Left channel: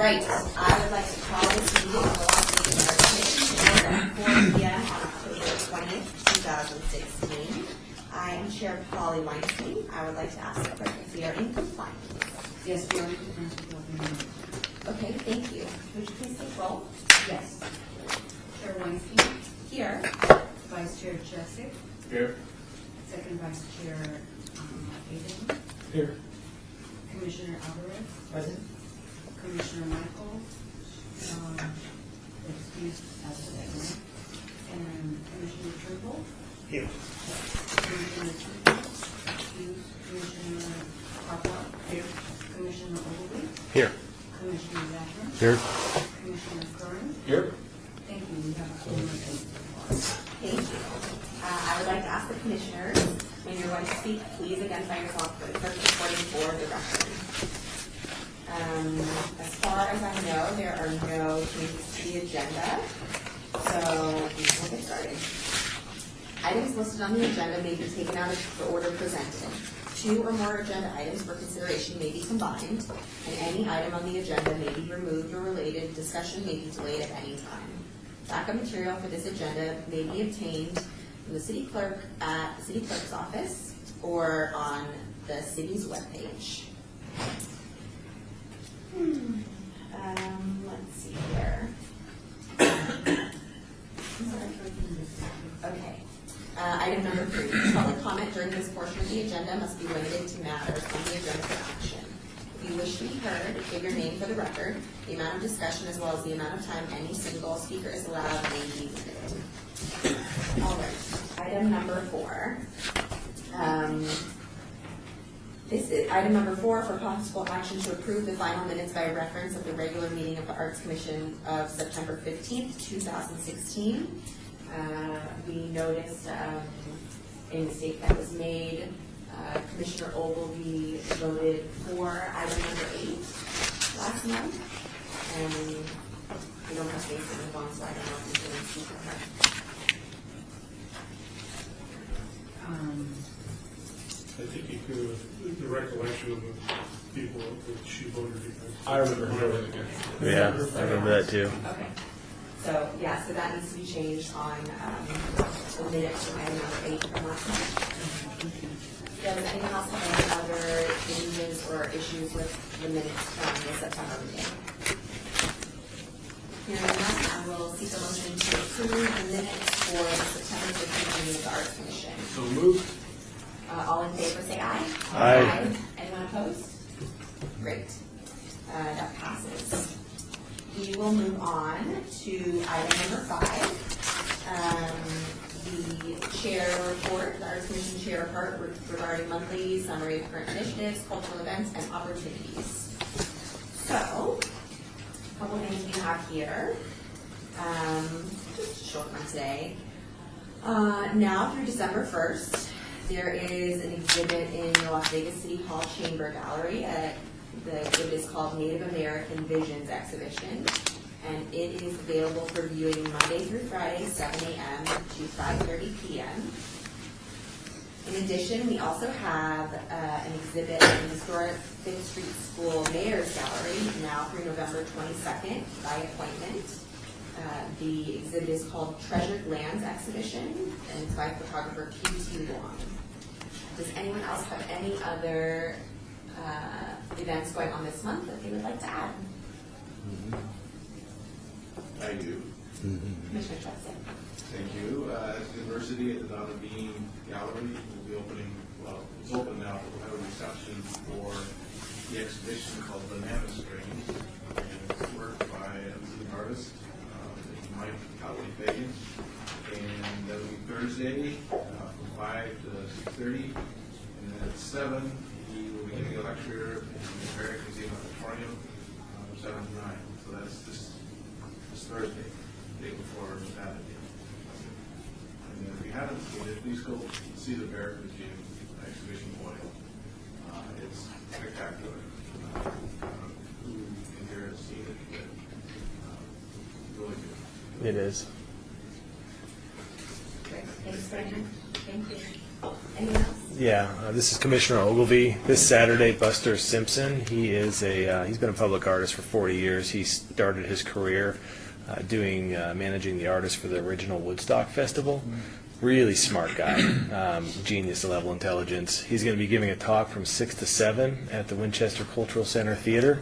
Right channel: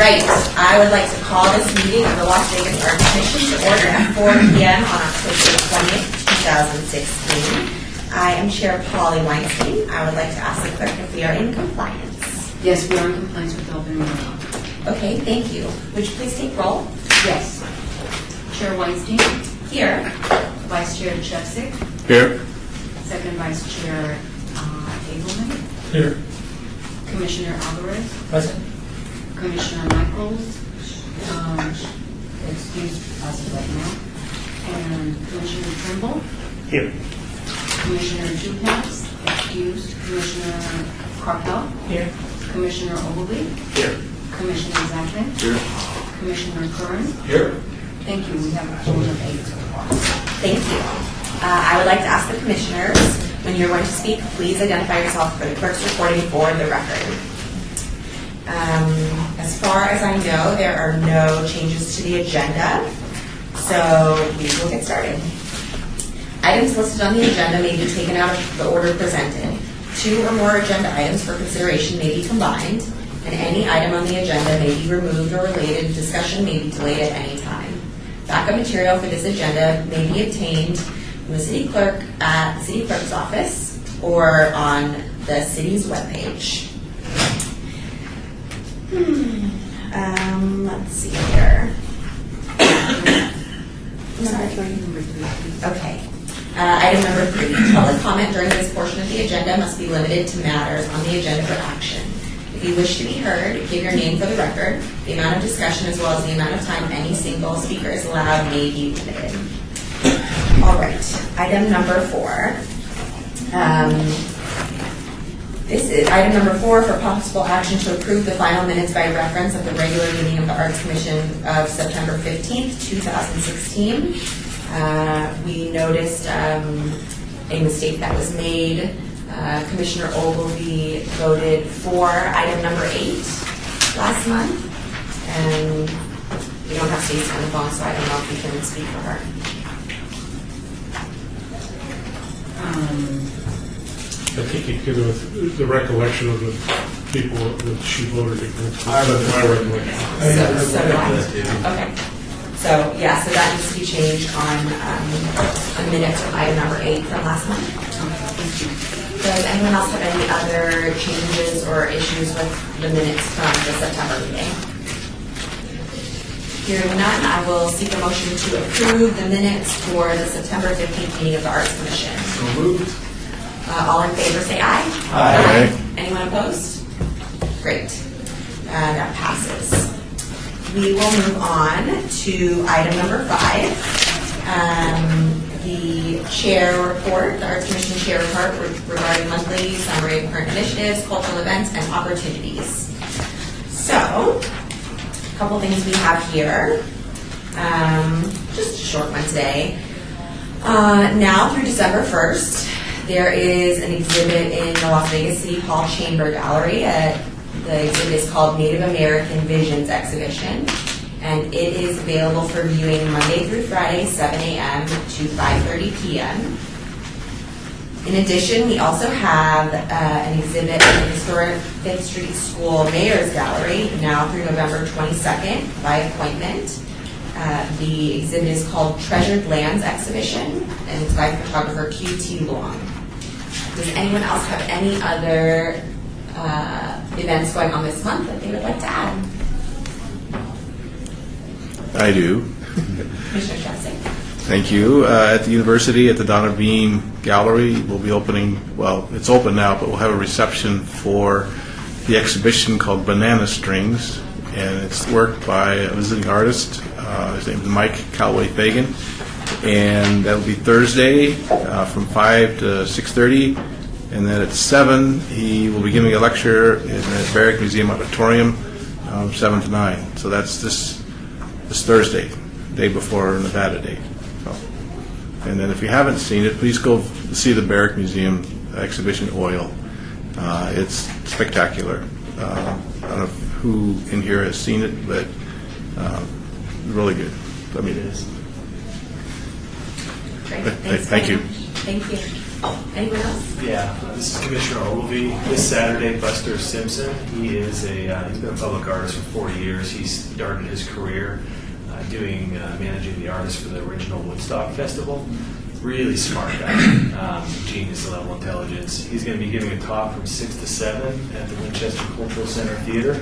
right, I would like to call this meeting of the Las Vegas Art Commission to order at 4 p.m. on October 20th, 2016. I am Chair Polly Weinstein. I would like to ask the clerk if we are in compliance. Yes, we are in compliance with the open meeting law. Okay, thank you. Would you please take roll? Yes. Chair Weinstein. Here. Vice Chair Chepsick. Here. Second Vice Chair Abelman. Here. Commissioner Alvarez. Present. Commissioner Michaels. Excused as of right now. And Commissioner Trimble. Here. Commissioner Juhasz. Excused. Commissioner Carpel. Here. Commissioner Ogilvie. Here. Commissioner Zachlin. Here. Commissioner Curran. Here. Thank you. We have a total of 8 so far. Thank you. I would like to ask the commissioners, when you're going to speak, please identify yourself for the clerk's recording for the record. As far as I know, there are no changes to the agenda, so we will get started. Items listed on the agenda may be taken out of the order presented. 2 or more agenda items for consideration may be combined, and any item on the agenda may be removed or related. Discussion may be delayed at any time. Backup material for this agenda may be obtained from the city clerk at the city clerk's office or on the city's webpage. Let's see here. Okay. Item number 3. Public comment during this portion of the agenda must be limited to matters on the agenda for action. If you wish to be heard, give your name for the record. The amount of discussion as well as the amount of time any single speaker is allowed may be limited. All right. Item number 4. This is item number 4 for possible action to approve the final minutes by reference of the regular meeting of the Arts Commission of September 15th, 2016. We noticed a mistake that was made. Commissioner Ogilvie voted for item number 8 last month, and we don't have Stacy on the phone, so I don't know if we can speak for her. I think it could have, the recollection of the people that she voted against. I remember. My recollection. So do I. Okay. So, yeah, so that needs to be changed on the minutes from item number 8 from last month. Does anyone else have any other changes or issues with the minutes from the September meeting? Hearing none, I will seek a motion to approve the minutes for the September 15th meeting of the Arts Commission. So moved. All in favor, say aye. Aye. Anyone opposed? Great. That passes. We will move on to item number 5. The chair report, the Arts Commission chair report regarding monthly summary of current initiatives, cultural events, and opportunities. So, a couple things we have here. Just a short one today. Now through December 1st, there is an exhibit in the Las Vegas City Hall Chamber Gallery. The exhibit is called Native American Visions Exhibition, and it is available for viewing Monday through Friday, 7 a.m. to 5:30 p.m. In addition, we also have an exhibit in the historic 5th Street School Mayor's Gallery, now through November 22nd, by appointment. The exhibit is called Treasured Lands Exhibition, and it's by photographer Q.T. Long. Does anyone else have any other events going on this month that they would like to add? I do. Commissioner Chepsick. Thank you. At the university, at the Donna Bean Gallery, we'll be opening, well, it's open now, but we'll have a reception for the exhibition called Banana Strings, and it's work by a visiting artist. His name is Mike Callaway-Fagan, and that'll be Thursday from 5 to 6:30, and then at 7, he will be giving a lecture in the Barrick Museum Auditorium, 7 to 9. So that's this Thursday, day before Nevada Day. So, and then if you haven't seen it, please go see the Barrick Museum exhibition, Oil. It's spectacular. I don't know who in here has seen it, but really good. I mean, it is. Great. Thank you. Thank you. Anyone else? Yeah, this is Commissioner Ogilvy. This Saturday, Buster Simpson, he is he's been a public artist for 40 years. He started his career managing the artists for the original Woodstock Festival. Really smart guy, genius level intelligence. He's going to be giving a talk from 6 to 7 at the Winchester Cultural Center Theater.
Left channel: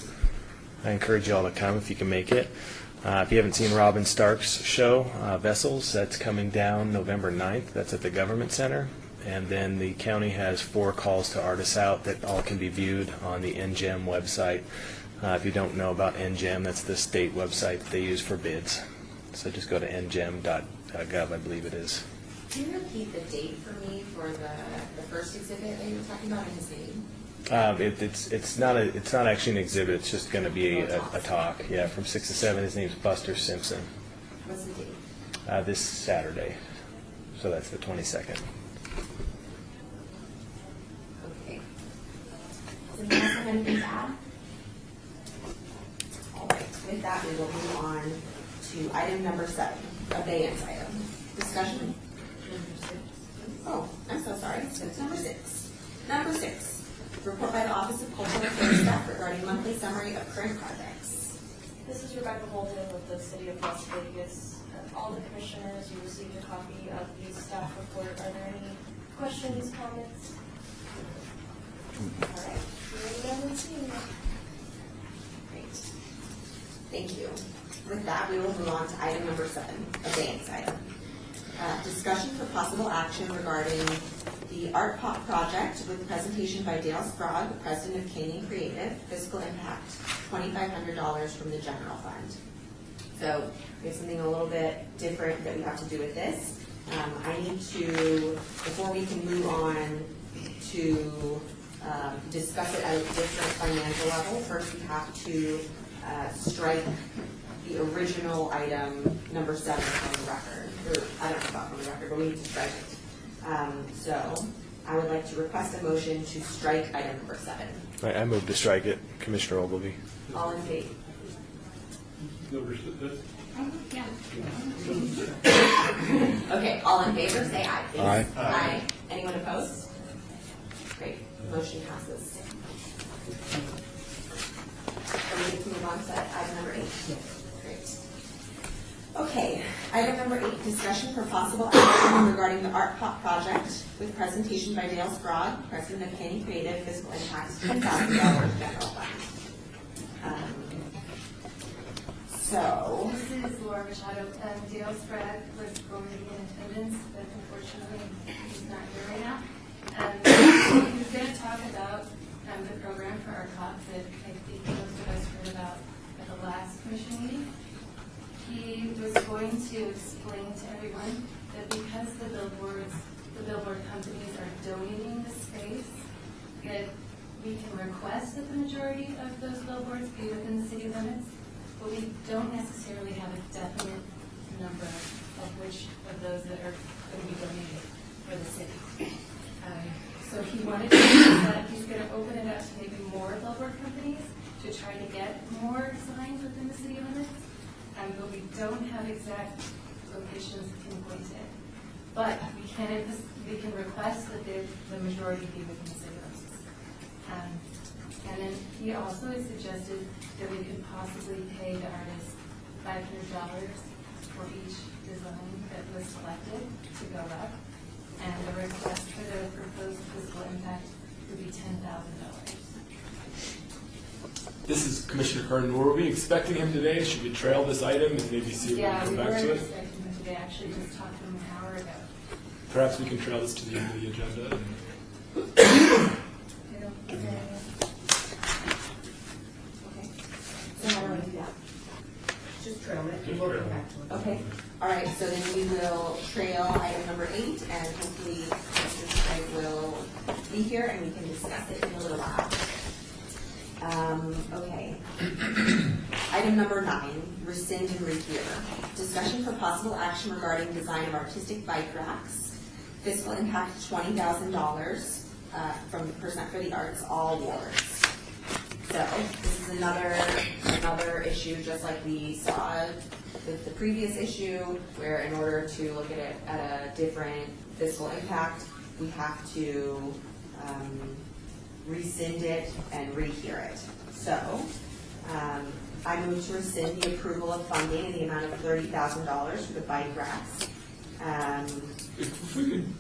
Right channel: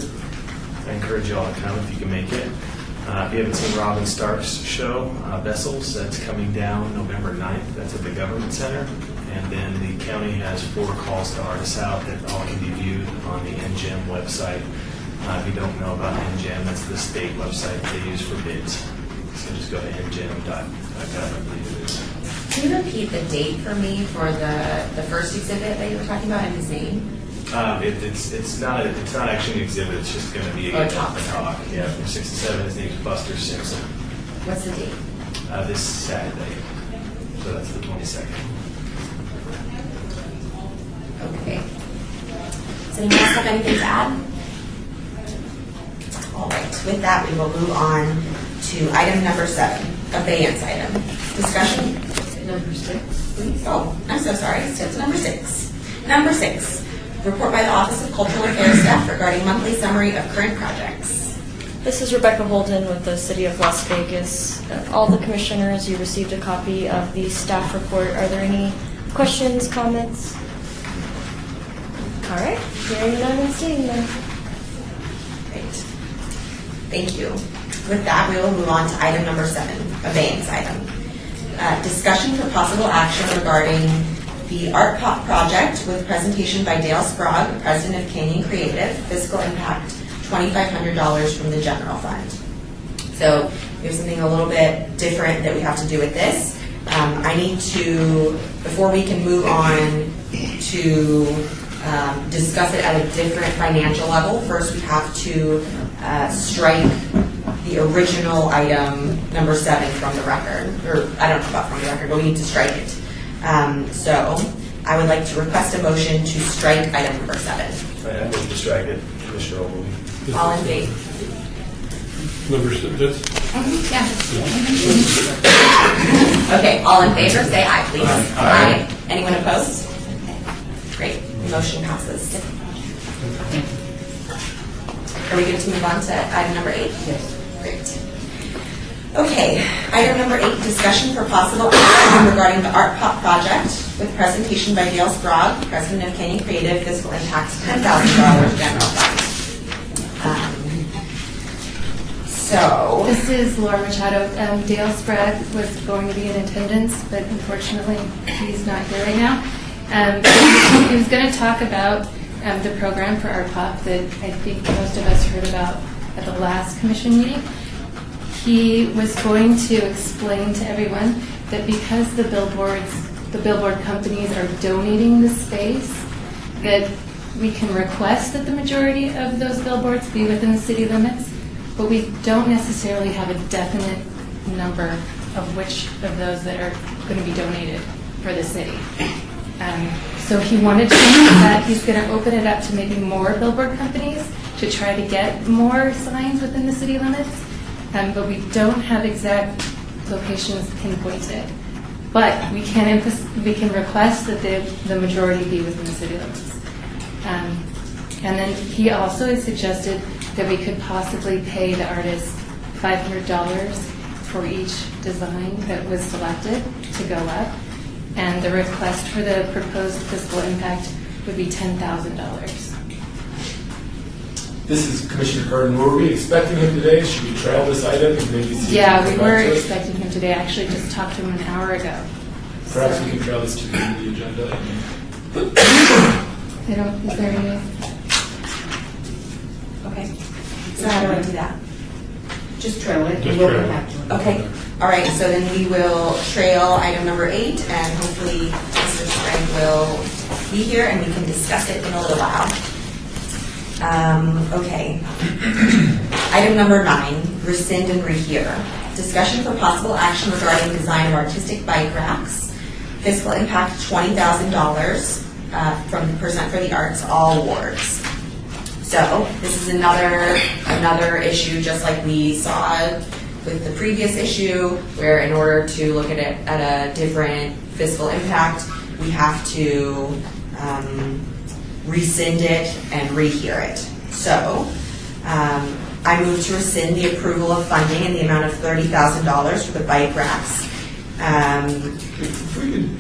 I encourage y'all to come if you can make it. If you haven't seen Robin Stark's show, Vessels, that's coming down November 9th. That's at the Government Center. And then the county has 4 calls to artists out that all can be viewed on the NGEM website. If you don't know about NGEM, that's the state website that they use for bids. So just go to ngem.gov, I believe it is. Can you repeat the date for me for the first exhibit that you were talking about and his name? It's not actually an exhibit. It's just going to be a talk. Yeah, from 6 to 7. His name's Buster Simpson. What's the date? This Saturday, so that's the 22nd. Okay. Does anyone else have anything to add? All right. With that, we will move on to item number 7, abeyance item. Discussion? Number 6, please. Oh, I'm so sorry. It's number 6. Number 6, report by the Office of Cultural Affairs staff regarding monthly summary of current projects. This is Rebecca Holden with the City of Las Vegas. All the commissioners, you received a copy of the staff report. Are there any questions, comments? All right, hearing none and seeing none. Great. Thank you. With that, we will move on to item number 7, abeyance item. Discussion for possible action regarding the Art Pop project with presentation by Dale Sprague, President of Canyon Creative, fiscal impact $2,500 from the general fund. So there's something a little bit different that we have to do with this. I need to, before we can move on to discuss it at a different financial level, first we have to strike the original item, number 7, from the record. Or I don't know about from the record, but we need to strike it. So I would like to request a motion to strike item number 7. All right, I move to strike it, Commissioner Ogilvy. All in favor? Number 6, that's, Okay, all in favor, say aye, please. Aye. Anyone opposed? Okay. Great, motion passes. Are we good to move on to item number 8? Yes. Great. Okay, item number 8, discussion for possible action regarding the Art Pop project with presentation by Dale Sprague, President of Canyon Creative, fiscal impact $10,000 general fund. So, This is Laura Machado. Dale Sprague was going to be in attendance, but unfortunately, he's not here right now. He was going to talk about the program for Art Pop that I think most of us heard about at the last commission meeting. He was going to explain to everyone that because the billboard companies are donating the space, that we can request that the majority of those billboards be within the city limits, but we don't necessarily have a definite number of which of those that are going to be donated for the city. So he wanted to change that. He's going to open it up to maybe more billboard companies to try to get more signs within the city limits, but we don't have exact locations pinpointed. But we can request that the majority be within the city limits. And then he also has suggested that we could possibly pay the artist $500 for each design that was selected to go up. And the request for the proposed fiscal impact would be $10,000. This is Commissioner Curtin. Were we expecting him today? Should we trail this item and maybe see Yeah, if he we can were come back to us? expecting him today. I actually just talked to him an hour ago. Perhaps we can trail this to the end of the agenda. Is there any? okay. So how do I do that? Just trail it, Just and we'll trail come it. back to it. Okay, all right, so then we will trail item number 8, and hopefully Mr. Strang will be here and we can discuss it in a little while. Okay. Item number 9, rescind and rehear. Discussion for possible action regarding design of artistic bike racks. Fiscal impact $20,000 from Percent for the Arts, all wards. So this is another issue, just like we saw with the previous issue, where in order to look at it at a different fiscal impact, we we have to rescind it and rehear it. So I move to rescind the approval of funding in the amount of $30,000 for the bike racks. If we could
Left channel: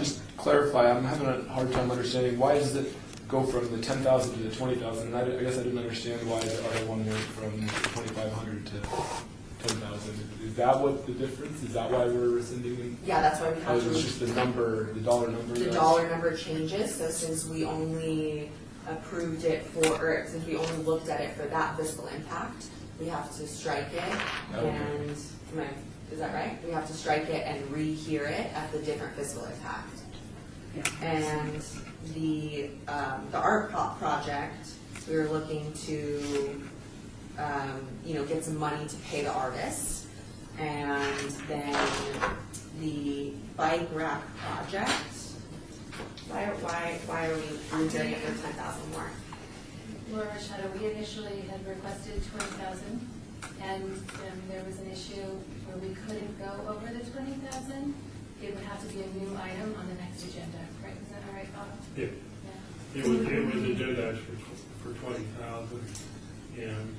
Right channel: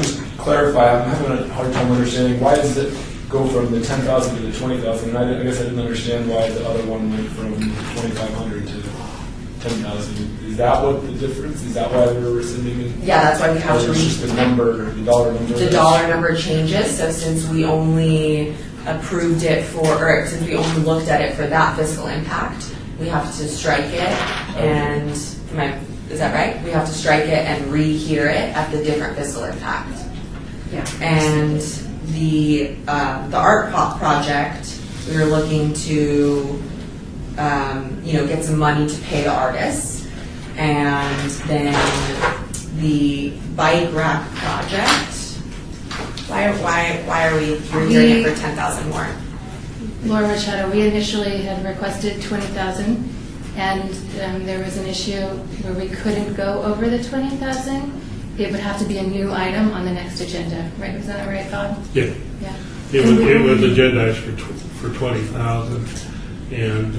just clarify, I'm having a hard time understanding, why does it go from the 10,000 to the 20,000? I guess I didn't understand why the other one went from 2,500 to 10,000. Is that what the difference? Is that why we're rescinding it? Yeah, that's why we have Or to it's just the number, the dollar number? the dollar number changes. So since we only approved it or since we only looked at it for that fiscal impact, we have to strike it. And is that right? We have to strike it and rehear it at the different fiscal impact. Yeah. And the art pop project, we were looking to get some money to pay the artists, and then the bike rack project. Why are we doing it for 10,000 more? Laura Machado, we initially had requested 20,000, and there was an issue where we couldn't go over the 20,000. It would have to be a new item on the next agenda, right? Was that right, Bob? Yeah, Yeah. it was agendized for 20,000, and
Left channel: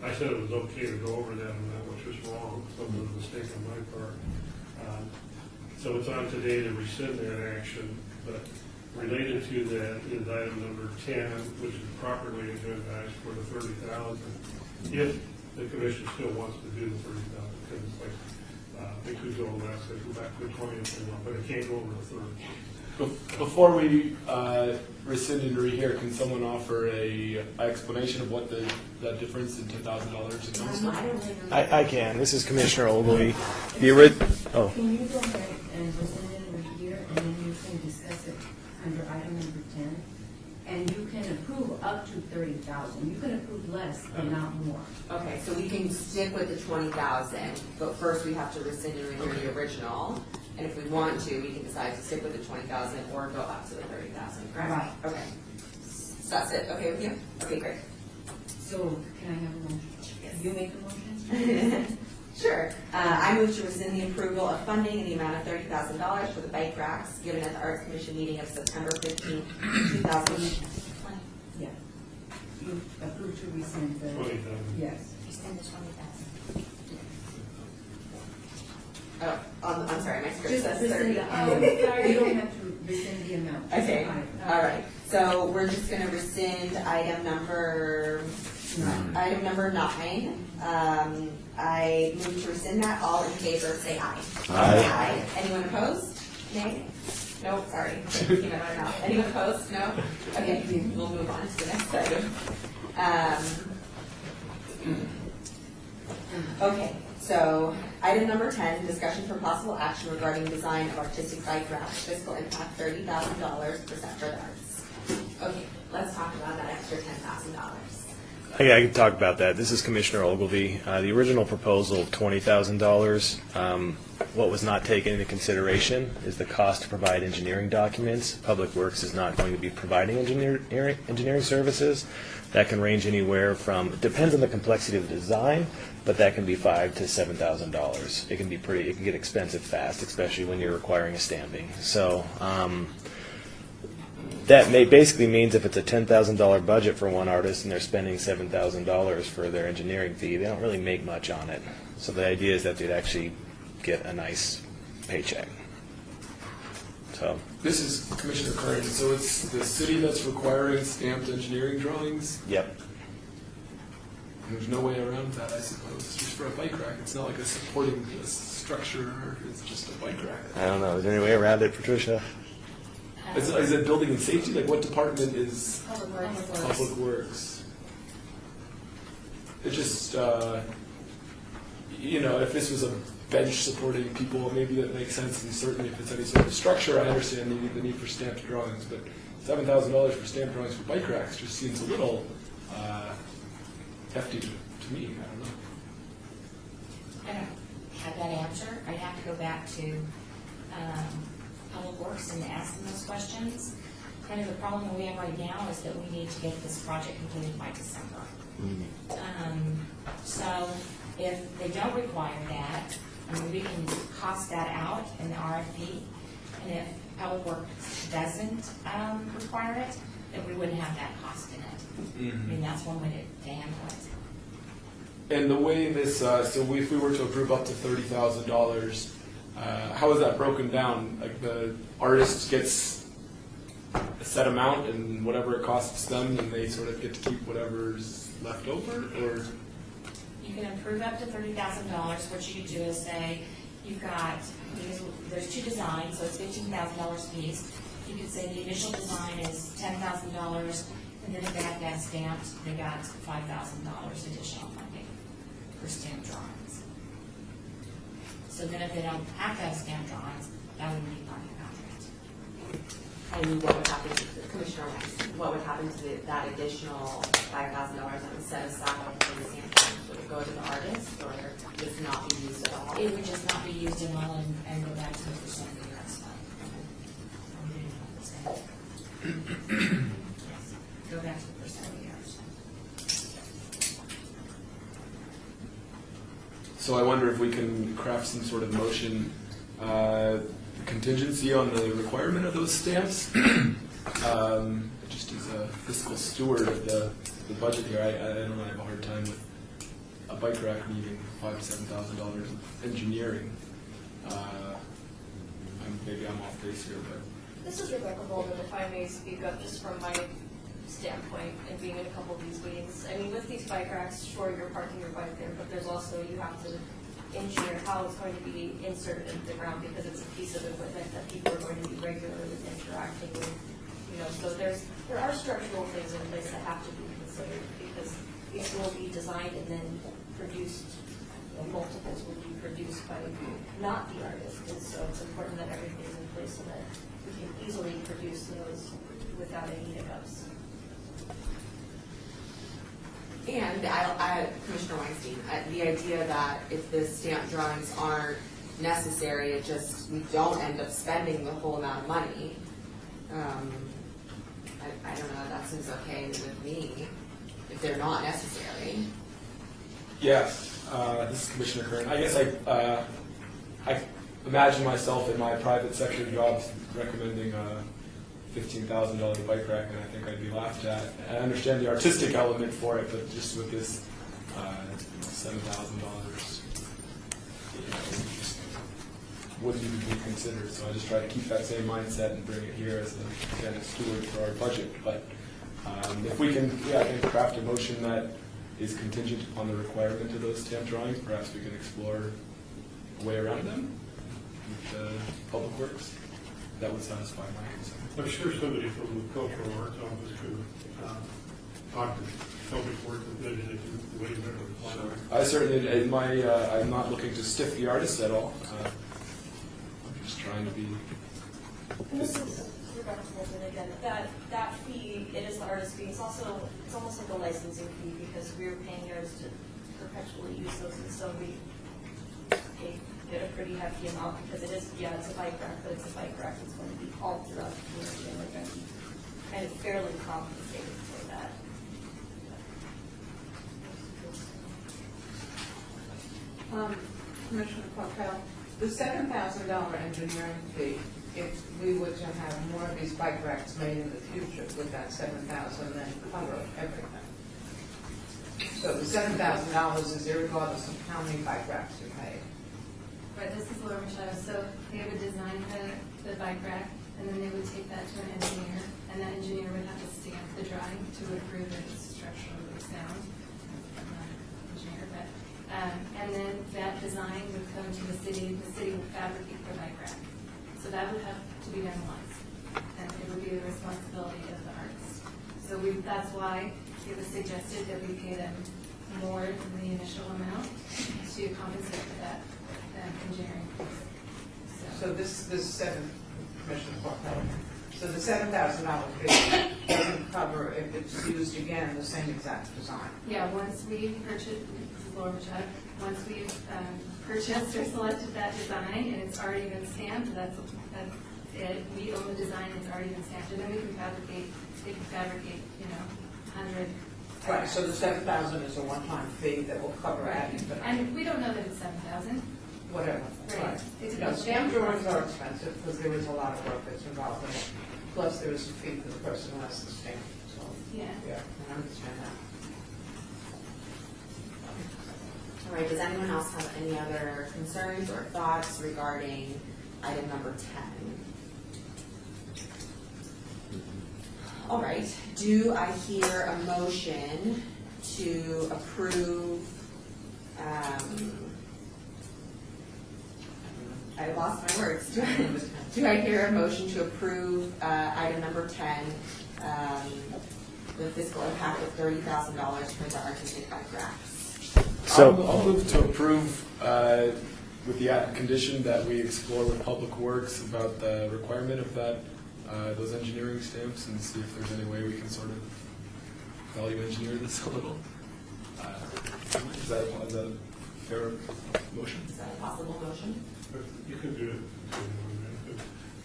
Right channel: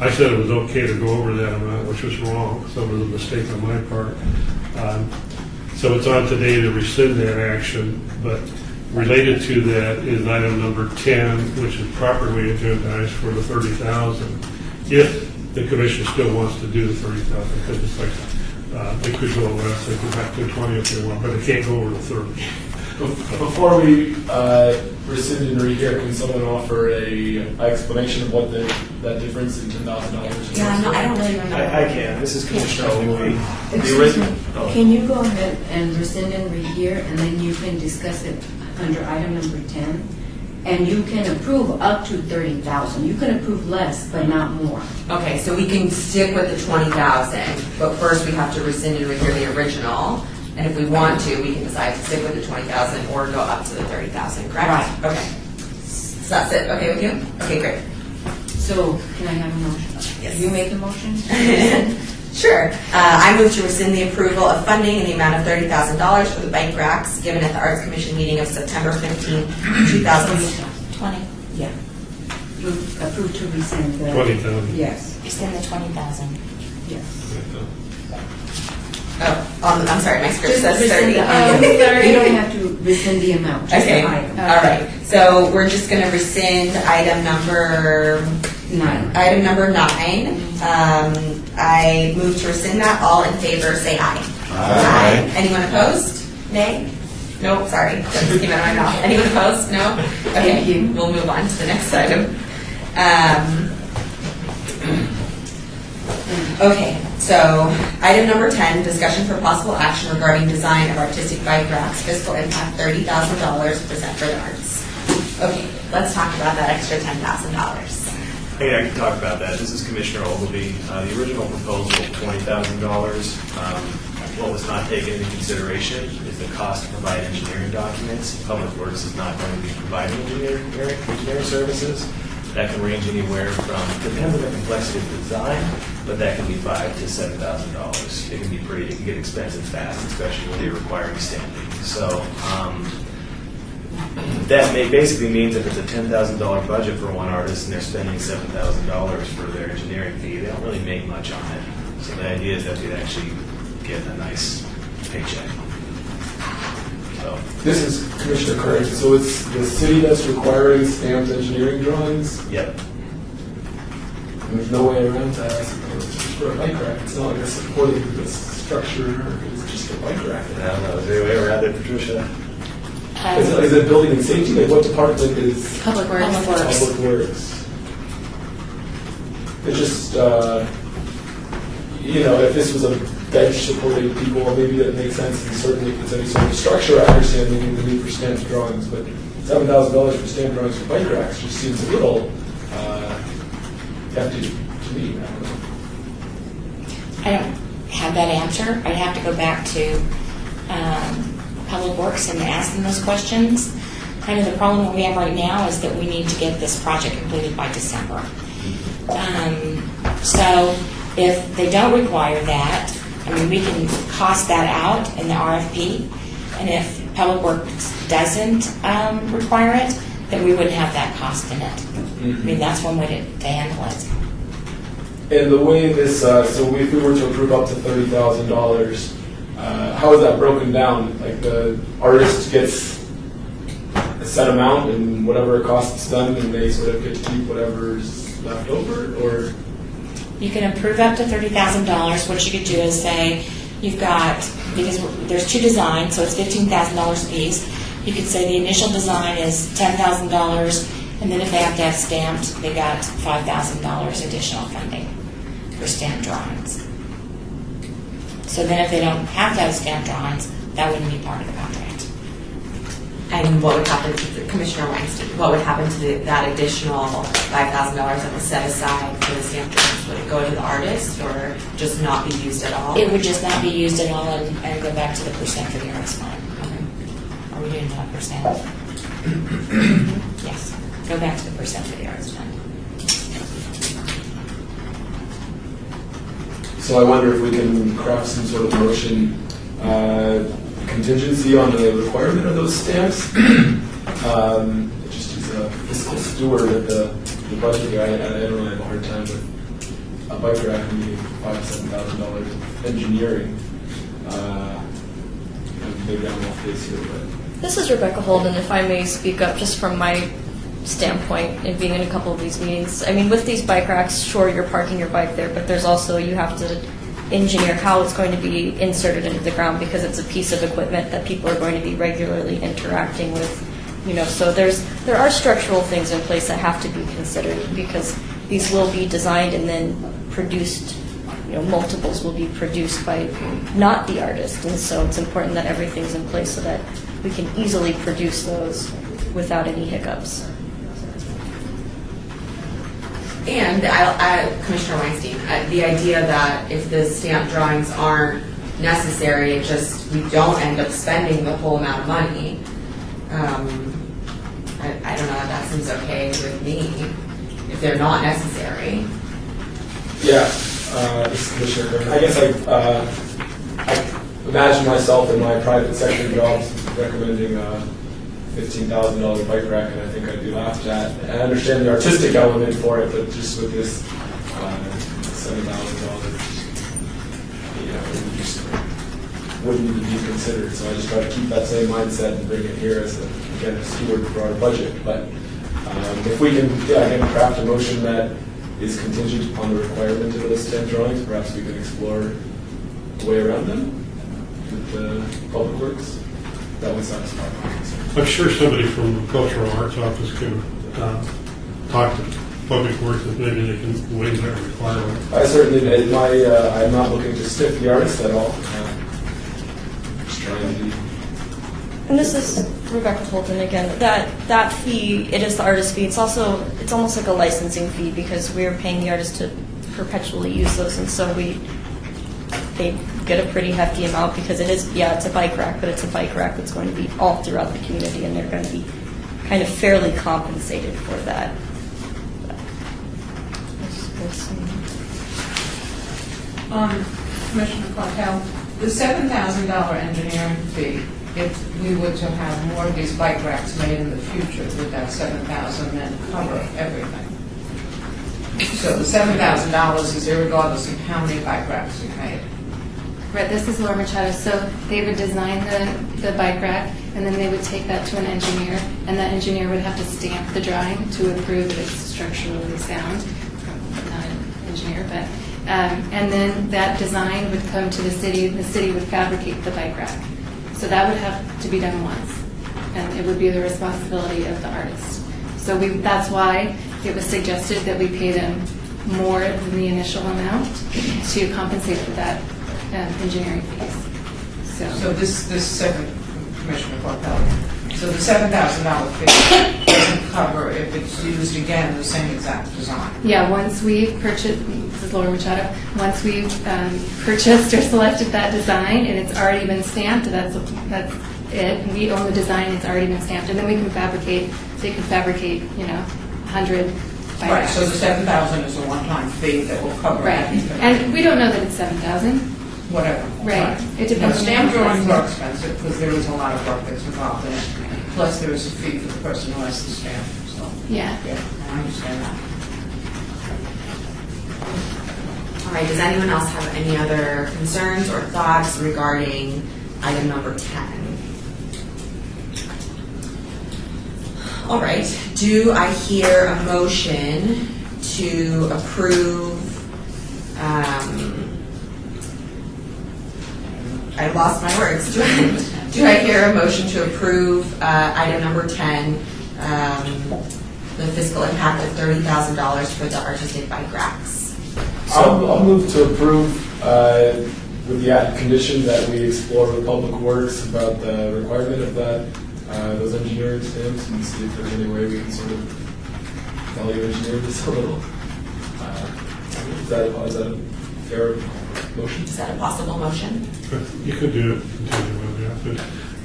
I said it was okay to go over that amount, which was wrong. So it was a mistake on my part. So it's on today to rescind that action, but related to that is item number 10, which is properly agendized for the 30,000. If the commission still wants to do the 30,000, because it's like they could go less, they could back to 20 if they want, but they can't go over the 30. Before we rescind and rehear, can someone offer a explanation of what that difference in $10,000 is? Yeah, no, I don't really remember. I can. This is Commissioner Ogilvie. The original. Oh. Can you go ahead and rescind and rehear, and then you can discuss it under item number 10? And you can approve up to 30,000. You can approve less, but not more. Okay, so we can stick with the 20,000, but first we have to rescind and rehear the original. And if we want to, we can decide to stick with the 20,000 or go up to the 30,000, correct? Right. Okay. So that's it, okay with you? Okay, great. So can I have a motion? Yes. You make the motion? Sure. I move to rescind the approval of funding in the amount of $30,000 for the bike racks given at the Arts Commission meeting of September 15, 2020. Yeah. You approve to rescind the... 20,000. Yes, Rescind the 20,000. yes. Oh, I'm sorry, my script Just says rescind 30. the item. You don't have to rescind the amount, just Okay, the item. all right. So we're just going to rescind item number 9. Item number 9. I move to rescind that. All in favor, say aye. Aye. Anyone opposed? Nay? No, sorry. That just came out of my mouth. Anyone opposed? No? Okay, Thank you. we'll move on to the next item. Okay, so item number 10, discussion for possible action regarding design of artistic bike racks, fiscal impact $30,000, present for the arts. Okay, let's talk about that extra $10,000. Hey, I can talk about that. This is Commissioner Ogilvie. The original proposal, $20,000. What was not taken into consideration is the cost to provide engineering documents. Public Works is not going to be providing engineering services. That can range anywhere from, depends on the complexity of the design, but that can be $5,000 to $7,000. It can get expensive fast, especially when you're requiring standing. So that basically means if it's a $10,000 budget for one artist and they're spending $7,000 for their engineering fee, they don't really make much on it. So the idea is that they'd actually get a nice paycheck. So This is Commissioner Curran, so it's the city that's requiring stamped engineering drawings? yep. There's no way around that, I suppose. It's just for a bike rack. It's not like a supporting structure, or it's just a bike rack. I don't know. Is there any way around it, Patricia? Is it building and safety? Like, what department is Public Works. Public Works? It's just, if this was a bench supporting people, maybe that makes sense, and certainly if it's any sort of structure, I understand the need for stamped drawings, but $7,000 for stamped drawings for bike racks just seems a little hefty to me. I don't know. I don't have that answer. I'd have to go back to Public Works and ask them those questions. Kind of the problem that we have right now is that we need to get this project completed by December. So if they don't require that, I mean, we can cost that out in the RFP. And if Public Works doesn't require it, then we wouldn't have that cost in it. I mean, that's one way to handle it. And the way this, so if we were to approve up to $30,000, how is that broken down? Like the artist gets a set amount and whatever it costs them, and they sort of get to keep whatever's left over, or? You can approve up to $30,000. What you could do is say, you've got, because there's two designs, so it's $15,000 a piece. You could say the initial design is $10,000, and then if they have to have stamped, they got $5,000 additional funding for stamped drawings. So then if they don't have to have stamped drawings, that wouldn't be part of the contract. And what would happen to Commissioner Weinstein? What would happen to that additional $5,000 that was set aside for the stamp drawings? Would it go to the artist or just not be used at all? It would just not be used at all and go back to the percent for the artist fund. Are we doing 1%? Yes, go back to the percent for the artist fund. So I wonder if we can craft some sort of motion contingency on the requirement of those stamps. Just as a fiscal steward of the budget here, I don't really have a hard time with a bike rack needing $5,000-7,000 of engineering. Maybe I'm off base here, but. This is Rebecca Holden, if I may speak up just from my standpoint in being in a couple of these meetings. I mean, with these bike racks, sure, you're parking your bike there, but there's also, you have to engineer how it's going to be inserted into the ground because it's a piece of equipment that people are going to be regularly interacting with. You know, so there are structural things in place that have to be considered because these will be designed and then produced. You know, multiples will be produced by not the artist, and so it's important that everything's in place so that we can easily produce those without any hiccups. And Commissioner Weinstein, the idea that if the stamp drawings aren't necessary, it just, we don't end up spending the whole amount of money. I don't know if that seems okay with me, if they're not necessary. Yeah, this is Commissioner Kern. I guess I imagine myself in my private sector jobs recommending a $15,000 bike rack, and I think I'd be laughed at. I understand the artistic element for it, but just with this $7,000, you know, it just wouldn't even be considered. So I just try to keep that same mindset and bring it here as a steward for our budget. But if we can, again, craft a motion that is contingent upon the requirement of those stamp drawings, perhaps we can explore a way around them with the Public Works. That would satisfy my concern. I'm sure somebody from the Cultural Arts Office can talk to Public Works and maybe they can waive that requirement. I certainly, I'm not looking to stiff the artist at all. Just trying to be. And this is Rebecca Holden again. That fee, it is the artist fee. It's almost like a licensing fee because we're paying the artist to perpetually use those, and so they get a pretty hefty amount because it is, yeah, it's a bike rack, but it's a bike rack that's going to be all throughout the community, and they're going to be kind of fairly compensated for that. Commissioner Clark, the $7,000 engineering fee, if we were to have more of these bike racks made in the future, would that $7,000 then cover everything? So the $7,000 is irregardless of how many bike racks we made. Right, this is Laura Machado. So they would design the bike rack, and then they would take that to an engineer, and that engineer would have to stamp the drawing to approve that it's structurally sound. I'm not an engineer, but and then that design would come to the city. The city would fabricate the bike rack. So that would have to be done once, and it would be the responsibility of the artist. So that's why it was suggested that we pay them more than the initial amount to compensate for that engineering fees. So this second, Commissioner Clark, so the $7,000 fee doesn't cover if it's used again in the same exact design. Yeah, once we've purchased, this is Laura Machado, once we've purchased or selected that design and it's already been stamped, that's it. We own the design, it's already been stamped, and then we can fabricate, they can fabricate, 100 bike racks. Right, so the $7,000 is a one-time fee that will cover Right, everything. and we don't know that it's 7,000. whatever. Right. It You know, depends on the stamp drawings are process. expensive because there is a lot of work that's involved in it. Plus, there is a fee for the person who has the stamp, so, Yeah. yeah, I understand that. All right, does anyone else have any other concerns or thoughts regarding item number 10? All right, do I hear a motion to approve, I lost my words. Do I hear a motion to approve item number 10, the fiscal impact of $30,000 for the artistic bike racks? I'll move to approve with the added condition that we explore with Public Works about the requirement of that, those engineering stamps, and see if there's any way we can sort of value engineer this a little. Is that a fair motion? Is that a possible motion? You could do it continually,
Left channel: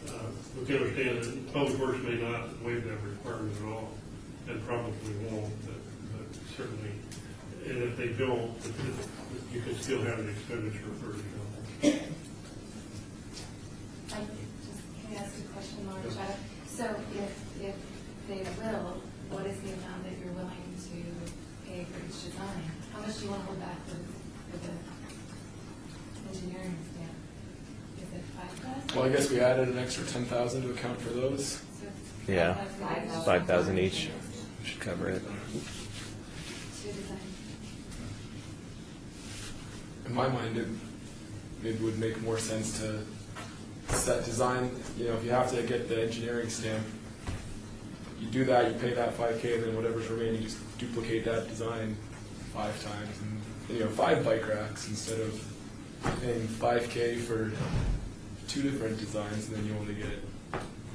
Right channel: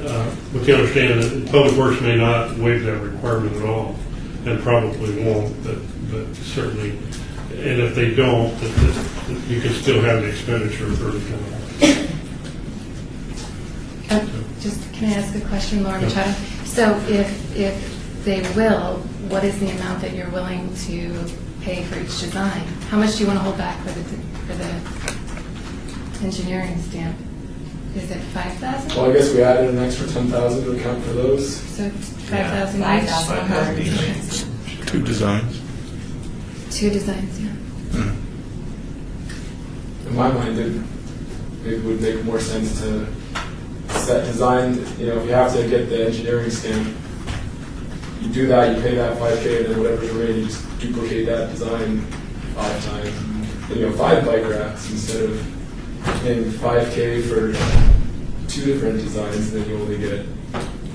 yeah, but you understand that Public Works may not waive that requirement at all, and probably won't, but certainly, and if they don't, that you can still have the expenditure of $30,000. Just, can I ask a question, Laura Machado? So if they will, what is the amount that you're willing to pay for each design? How much do you want to hold back for the engineering stamp? Is it 5,000? Well, I guess we added an extra 10,000 to account for those. So Yeah. 5,000 each? 5,000 each. 2 designs. 2 designs, yeah. Mhm. In my mind, it would make more sense to set design, you know, if you have to get the engineering stamp, you do that, you pay that 5K, and then whatever's remaining, you just duplicate that design 5 times. Then you have 5 bike racks instead of paying 5K for 2 different designs, and then you only get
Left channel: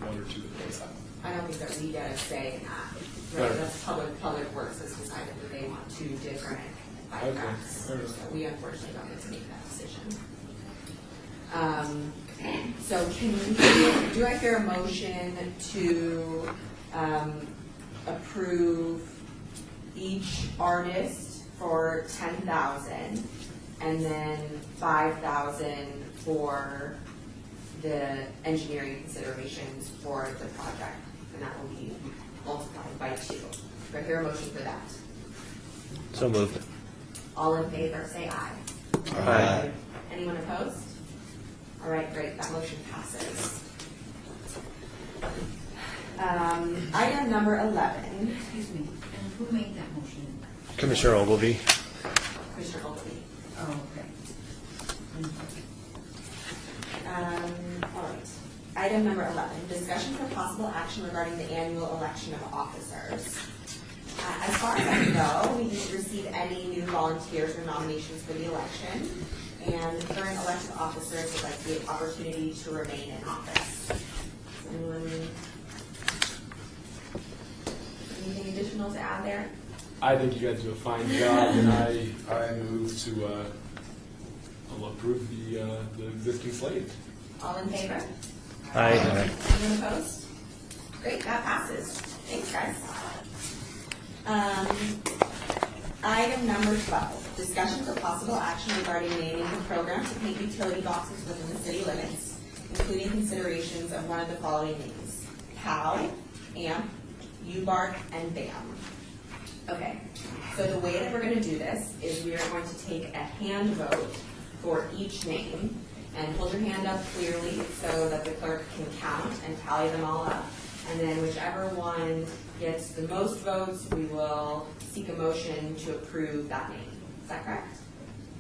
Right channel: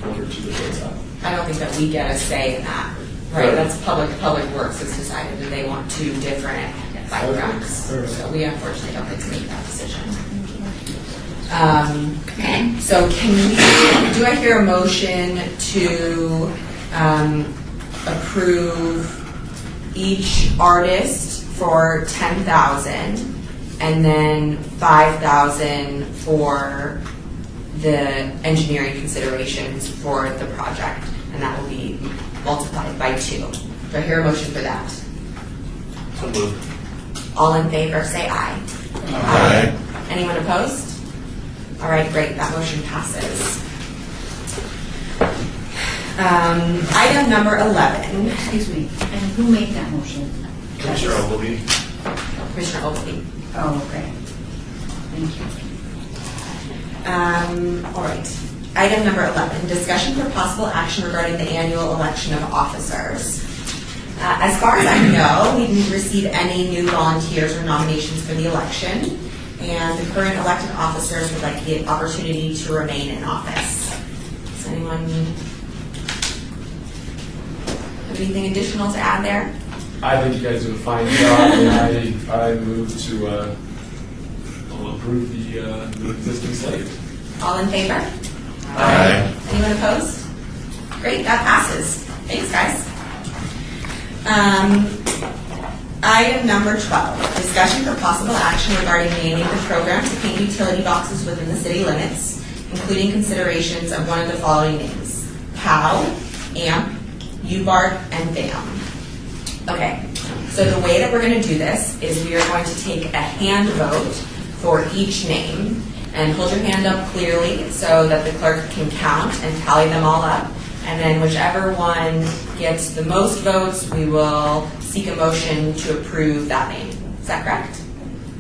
1 or 2 different stuff. I don't think that we get a say in that, right? Right. That's Public Works has decided that they want 2 different bike Okay. racks. All right. So we unfortunately don't get to make that decision. So do I hear a motion to approve each artist for 10,000 and then 5,000 for the engineering considerations for the project, and that will be multiplied by 2. Do I hear a motion for that? So moved. All in favor, say aye. Aye. Anyone opposed? All right, great, that motion passes. Item number 11, Excuse me, and who made that motion? Commissioner Ogilvy. Commissioner Ogilvy. Oh, okay. Thank you. All right. Item number 11, discussion for possible action regarding the annual election of officers. As far as I know, we didn't receive any new volunteers or nominations for the election, and the current elected officers would like the opportunity to remain in office. Does anyone have anything additional to add there? I think you guys did a fine job, and I move to approve the existing slate. All in favor? Aye. Anyone opposed? Great, that passes. Thanks, guys. Item number 12, discussion for possible action regarding naming the program to paint utility boxes within the city limits, including considerations of one of the following names: POW, AMP, UBART, and BAM. Okay, so the way that we're going to do this is we are going to take a hand vote for each name, and hold your hand up clearly so that the clerk can count and tally them all up. And then whichever one gets the most votes, we will seek a motion to approve that name. Is that correct?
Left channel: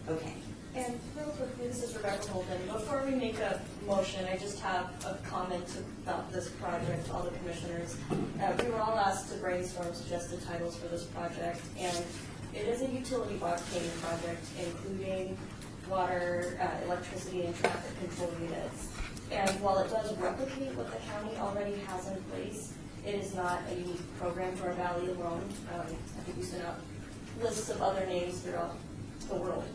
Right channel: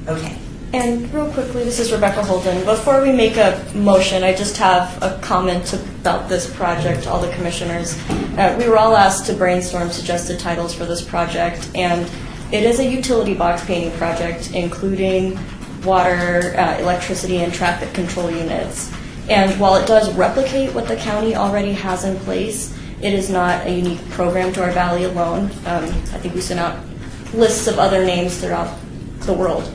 Okay. And real quickly, this is Rebecca Holden. Before we make a motion, I just have a comment about this project, all the commissioners. We were all asked to brainstorm suggested titles for this project, and it is a utility box painting project, including water, electricity, and traffic control units. And while it does replicate what the county already has in place, it is not a unique program to our valley alone. I think we sent out lists of other names throughout the world.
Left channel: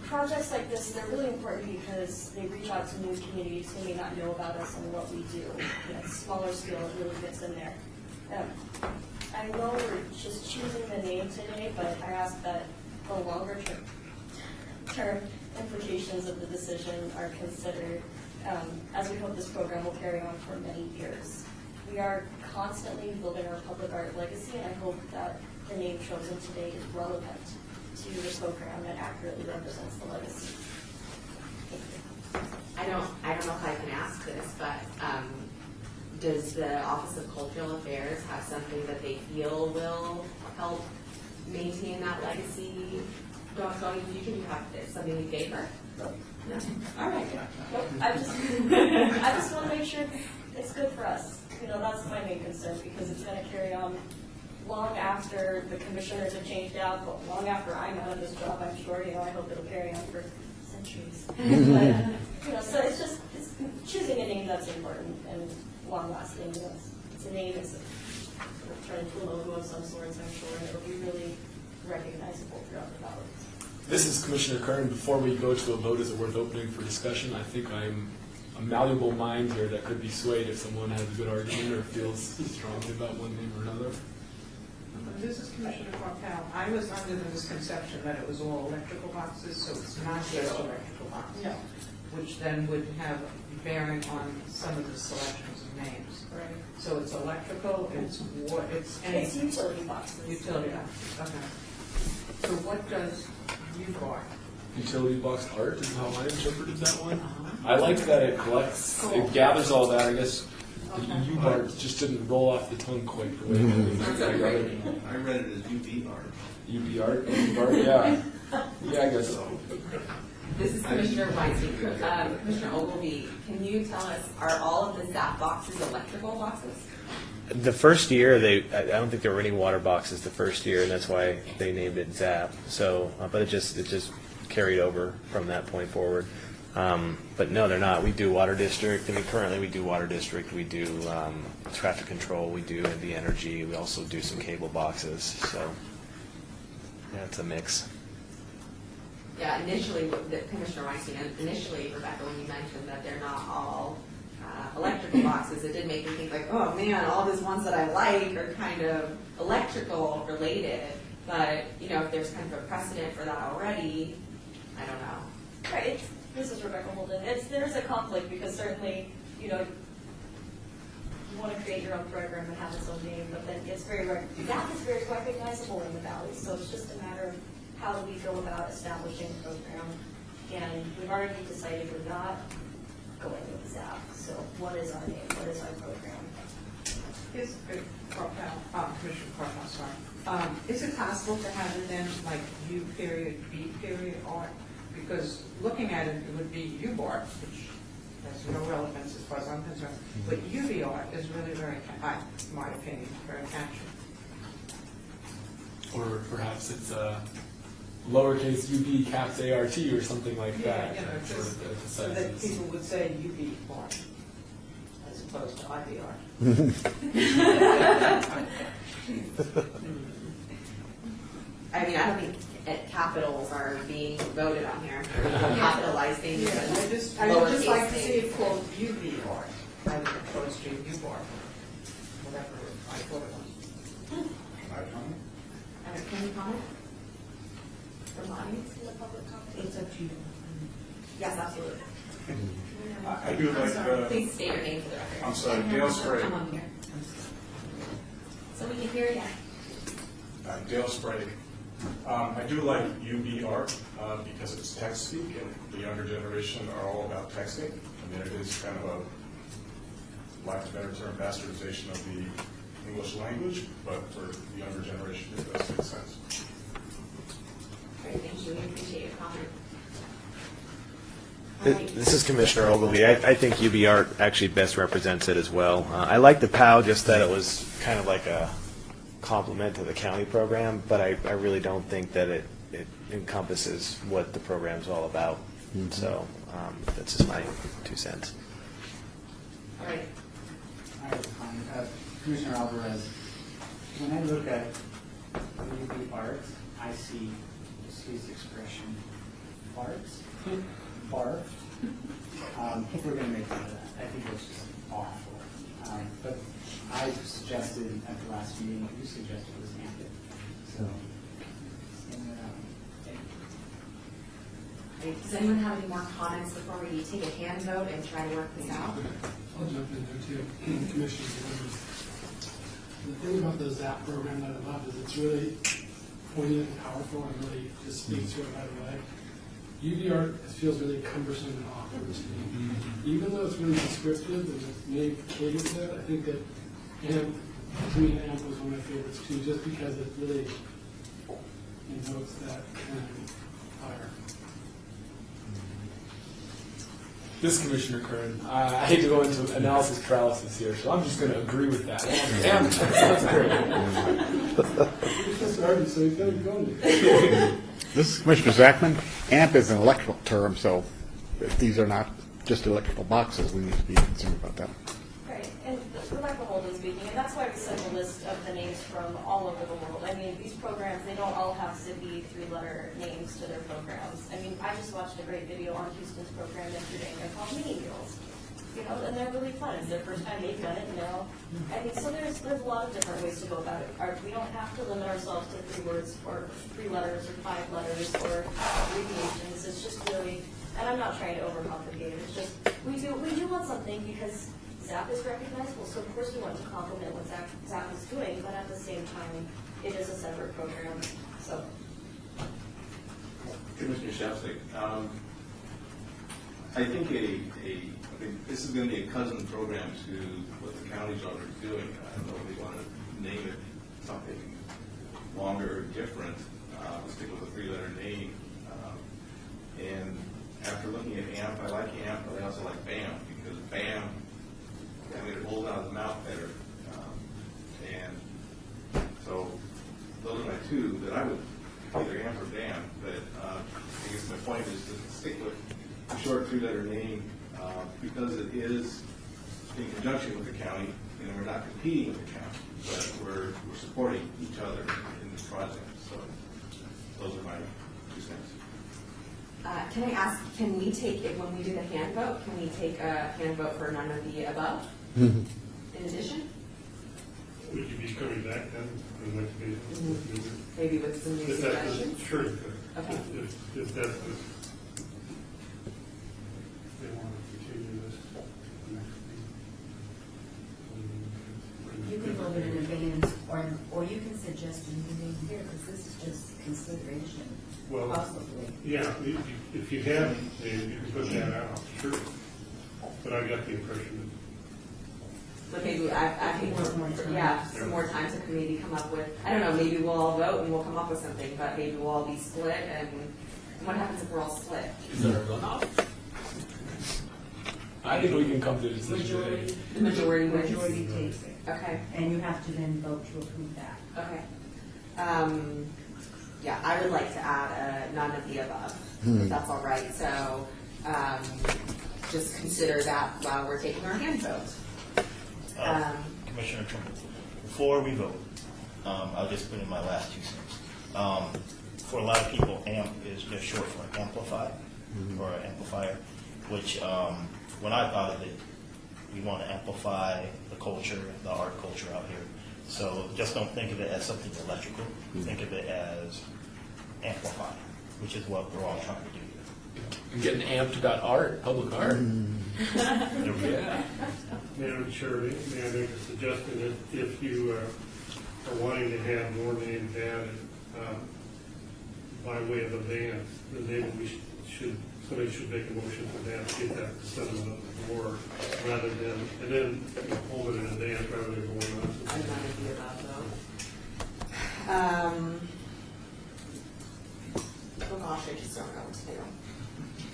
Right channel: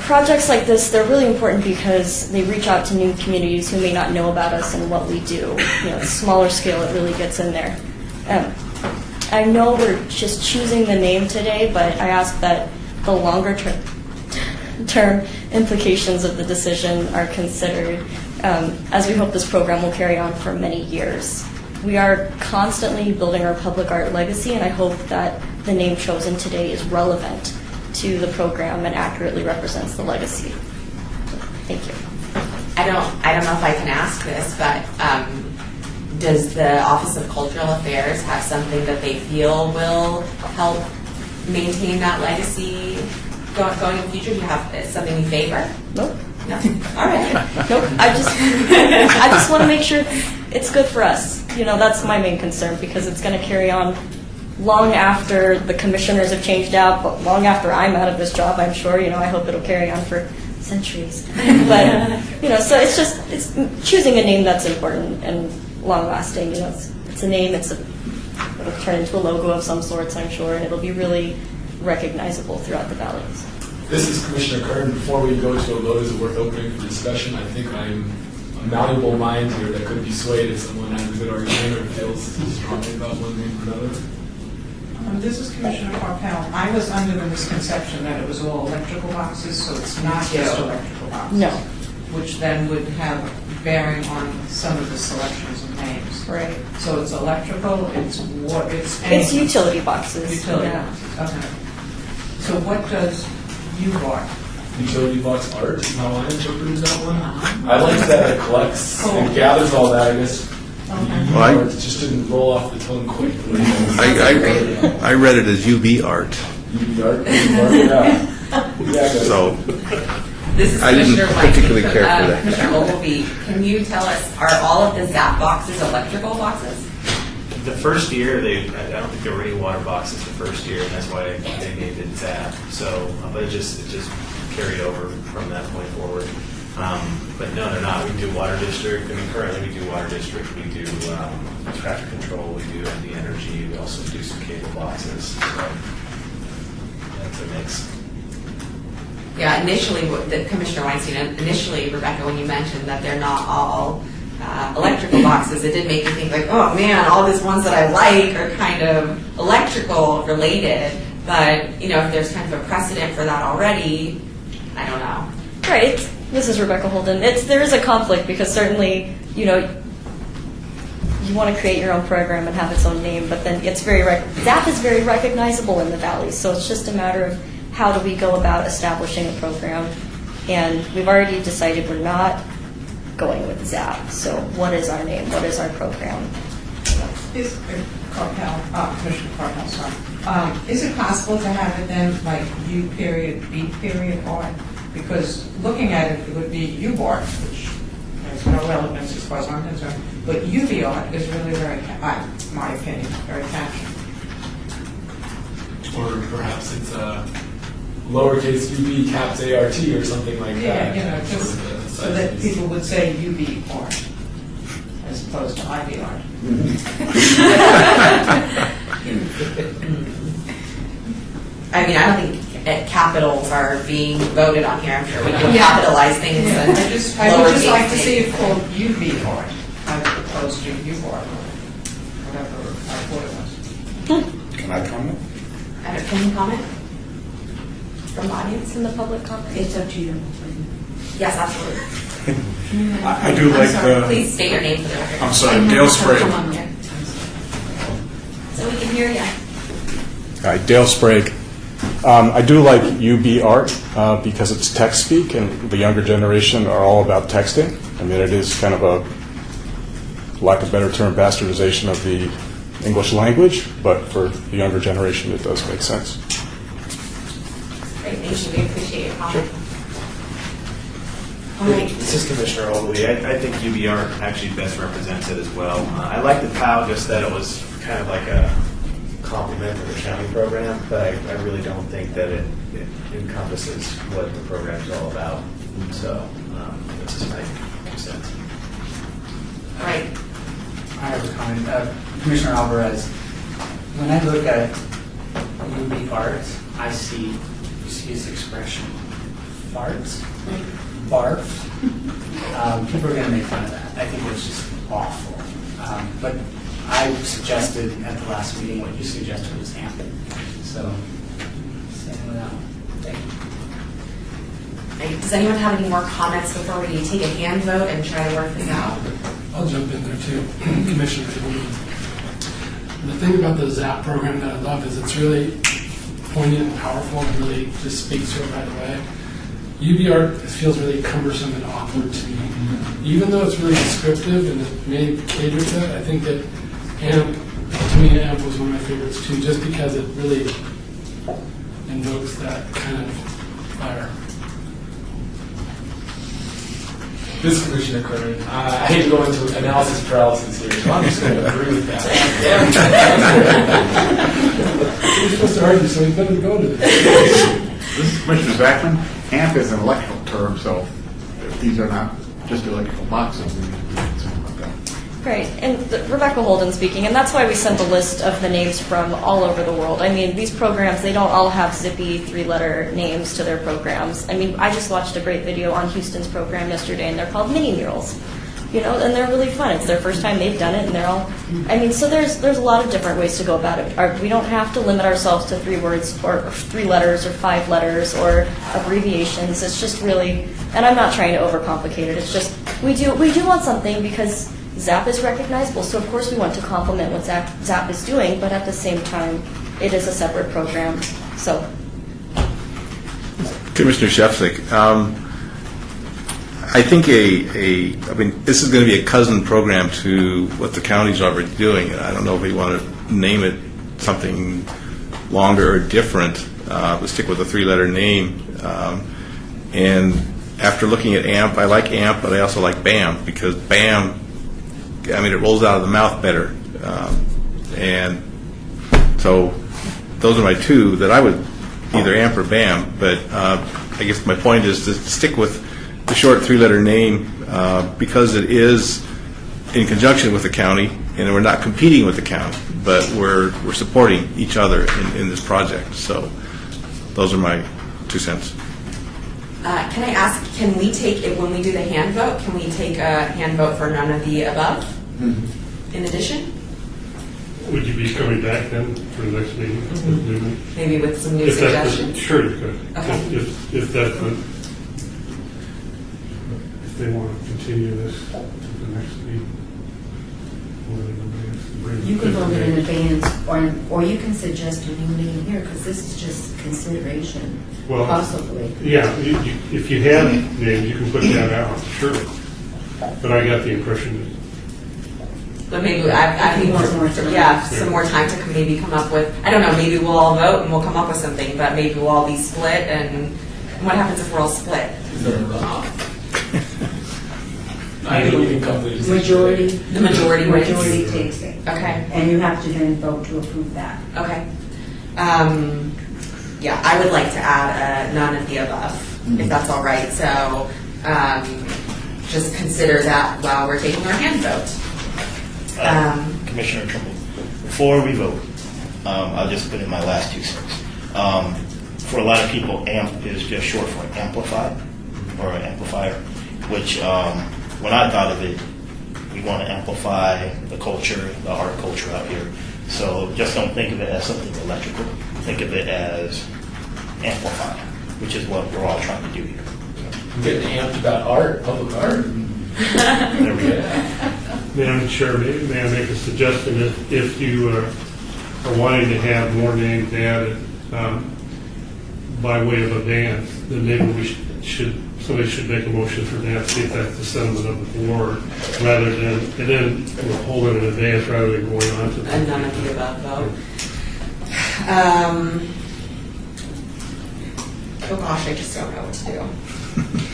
Projects like this, they're really important because they reach out to new communities who may not know about us and what we do. You know, smaller scale, it really gets in there. I know we're just choosing the name today, but I ask that the longer term, term implications of the decision are considered, as we hope this program will carry on for many years. We are constantly building our public art legacy, and I hope that the name chosen today is relevant to the program and accurately represents the legacy. Thank you. I don't know if I can ask this, but does the Office of Cultural Affairs have something that they feel will help maintain that legacy going in the future? Do you have something you favor? Nope. No? All right. Nope. I just want to make sure it's good for us. You know, that's my main concern, because it's going to carry on long after the commissioners have changed out, but long after I'm out of this job, I'm sure. You know, I hope it'll carry on for centuries. But, you know, so it's choosing a name that's important and long-lasting. You know, it's a name, it'll turn into a logo of some sorts, I'm sure, and it'll be really recognizable throughout the valleys. This is Commissioner Kern. Before we go to a vote, is it worth opening for discussion? I think I'm a malleable mind here that could be swayed if someone has a good argument or feels strongly about one name or another. This is Commissioner Carpel. I was under the misconception that it was all electrical boxes, so it's not just electrical boxes. No. Which then would have bearing on some of the selections of names. Right. So it's electrical, it's what, it's It's anything. utility boxes. Utility Yeah. boxes, okay. So what does UBAR? Utility box art is how I interpreted that one. I like that it collects and gathers all that. I guess Well, it just didn't roll off the tongue quick. I read it as UV art, UV art, yeah. Yeah, so This is I didn't Commissioner Weinstein. particularly care for that. Commissioner Ogilvy, can you tell us, are all of the ZAP boxes electrical boxes? The first year, I don't think there were any water boxes the first year, and that's why they named it ZAP. So, but it just carried over from that point forward. But no, they're not. We do water district. I mean, currently we do water district. We do traffic control. We do the energy. We also do some cable boxes. So that's a mix. Yeah, initially, Commissioner Weinstein, initially, Rebecca, when you mentioned that they're not all electrical boxes, it did make me think like, oh man, all these ones that I like are kind of electrical related. But, you know, if there's kind of a precedent for that already, I don't know. Right. This is Rebecca Holden. There is a conflict, because certainly, you know, you want to create your own program and have its own name, but then it's ZAP is very recognizable in the Valley. So it's just a matter of how do we go about establishing a program. And we've already decided we're not going with ZAP. So what is our name? What is our program? Is Commissioner Carpel, sorry. Is it possible to have it then like U period, B period art? Because looking at it, it would be UBART, which has no relevance as far as I'm concerned. But UV art is really very, my opinion, very catchy. Or perhaps it's lowercase UV caps ART or something like that. Yeah, you know, just so that people would say UV art as opposed to IV art. I mean, I don't think capitals are being voted on here. I'm sure we can capitalize things and I would just like to lowercase see things. it called UV art as opposed to UBART, whatever I thought it was. Can I comment? Can you comment from the audience? It's in the public comment. It's up to you. Yes, absolutely. I do like Please state your name for the record. I'm sorry, Dale Sprague. So we can hear you. Hi, Dale Sprague. I do like UB art because it's text speak, and the younger generation are all about texting. I mean, it is kind of a, lack of a better term, bastardization of the English language, but for the younger generation, it does make sense. Great, thank you. We appreciate your comment. All right. This is Commissioner Ogilvy. I think UBR actually best represents it as well. I like the POW, just that it was kind of like a complement to the county program, but I really don't think that it encompasses what the program is all about. So that's just my 2 cents. All right. I have a comment. Commissioner Alvarez, when I look at UB art, I see, excuse the expression, farts, barf. People are going to make fun of that. I think it's just awful. But I suggested at the last meeting what you suggested was ample. So, same with that one. Thank you. Does anyone have any more comments before we take a hand vote and try to work this out? I'll jump in there too, Commissioner. The thing about the ZAP program that I love is it's really poignant and powerful and really just speaks to it right away. UB art feels really cumbersome and awkward to me. Even though it's really descriptive and it may cater to it, I think that AMP, to me, AMP was one of my favorites too, just because it really invokes that kind of fire. This is Commissioner Kern. I hate to go into analysis paralysis here, so I'm just going to agree with that. We're supposed to argue, so we better go to this. This is Commissioner Zachman. AMP is an electrical term, so these are not just electrical boxes. We need to be concerned about that. Great, and Rebecca Holden speaking, and that's why we sent the list of the names from all over the world. I mean, these programs, they don't all have zippy 3-letter names to their programs. I mean, I just watched a great video on Houston's program yesterday, and they're called mini murals, you know, and they're really fun. It's their first time they've done it, and they're all, I mean, so there's a lot of different ways to go about it. We don't have to limit ourselves to 3 words or 3 letters or 5 letters or abbreviations. It's just really, and I'm not trying to overcomplicate it. It's just, we do want something because ZAP is recognizable, so of course we want to complement what ZAP is doing, but at the same time, it is a separate program. So, Commissioner Shefzik, I think I mean, this is going to be a cousin program to what the county's already doing, and I don't know if we want to name it something longer or different. Let's stick with a 3-letter name. And after looking at AMP, I like AMP, but I also like BAM, because BAM, I mean, it rolls out of the mouth better. And so those are my 2 that I would either AMP or BAM, but I guess my point is to stick with the short 3-letter name because it is in conjunction with the county, and we're not competing with the county, but we're supporting each other in this project. So those are my 2 cents. Can I ask, can we take it when we do the hand vote? Can we take a hand vote for none of the above? In addition, Would you be coming back then for the next meeting? maybe with some new If that's the- suggestions. Sure, you could. Okay. If that's the, if they want to continue this to the next meeting. You can vote it in advance, or you can suggest a new meeting here, because this is just consideration, Well, possibly. Yeah, if you have names, you can put that out, sure. But I got the impression But maybe I think Want more time. some more time to maybe come up with. I don't know. Maybe we'll all vote and we'll come up with something. But maybe we'll all be split. And what happens if we're all split? I think we can come to a decision. Majority. The majority wins. Majority takes it. Okay. And you have to then vote to approve that. Okay. Yeah, I would like to add none of the above, if that's all right. So just consider that while we're taking our hand vote. Commissioner Trimble, before we vote, I'll just put in my last 2 cents. For a lot of people, AMP is just short for amplify or an amplifier, which when I thought of it, we want to amplify the culture, the art culture out here. So just don't think of it as something electrical. Think of it as amplify, which is what we're all trying to do here. I'm getting amped about art, public art. There we go. Madam Chair, may I make a suggestion? If you are wanting to have more names added by way of advance, then maybe somebody should make a motion for that, see if that's the sentiment of the board, rather than, and then we'll hold it in advance rather than going on to. And none of the above vote. Oh gosh, I just don't know what to do.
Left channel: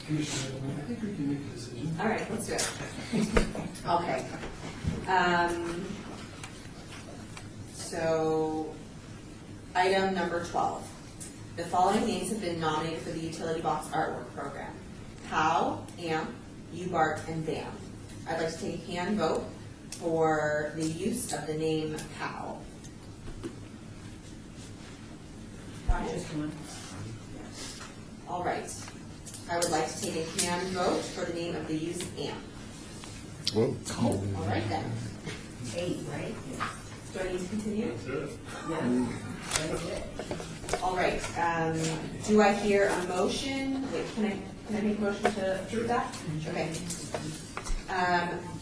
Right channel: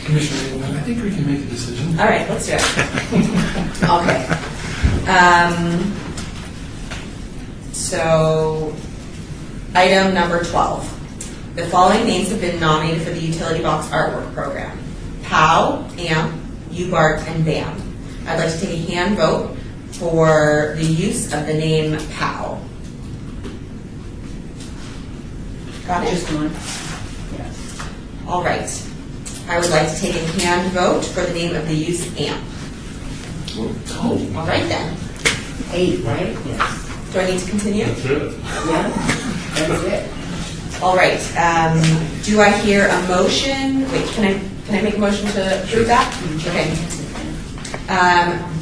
Commissioner Engelmann, I think we can make a decision. All right, let's do it. Okay. So, item number 12. The following names have been nominated for the Utility Box Artwork Program: POW, AMP, UBART, and BAM. I'd like to take a hand vote for the use of the name POW. Got it? Just one? Yes. All right. I would like to take a hand vote for the name of the use AMP. All right then. 8, right? Yes. Do I need to continue? That's it. Yeah, that's it. All right, do I hear a motion? Wait, can I make a motion to approve that? Okay.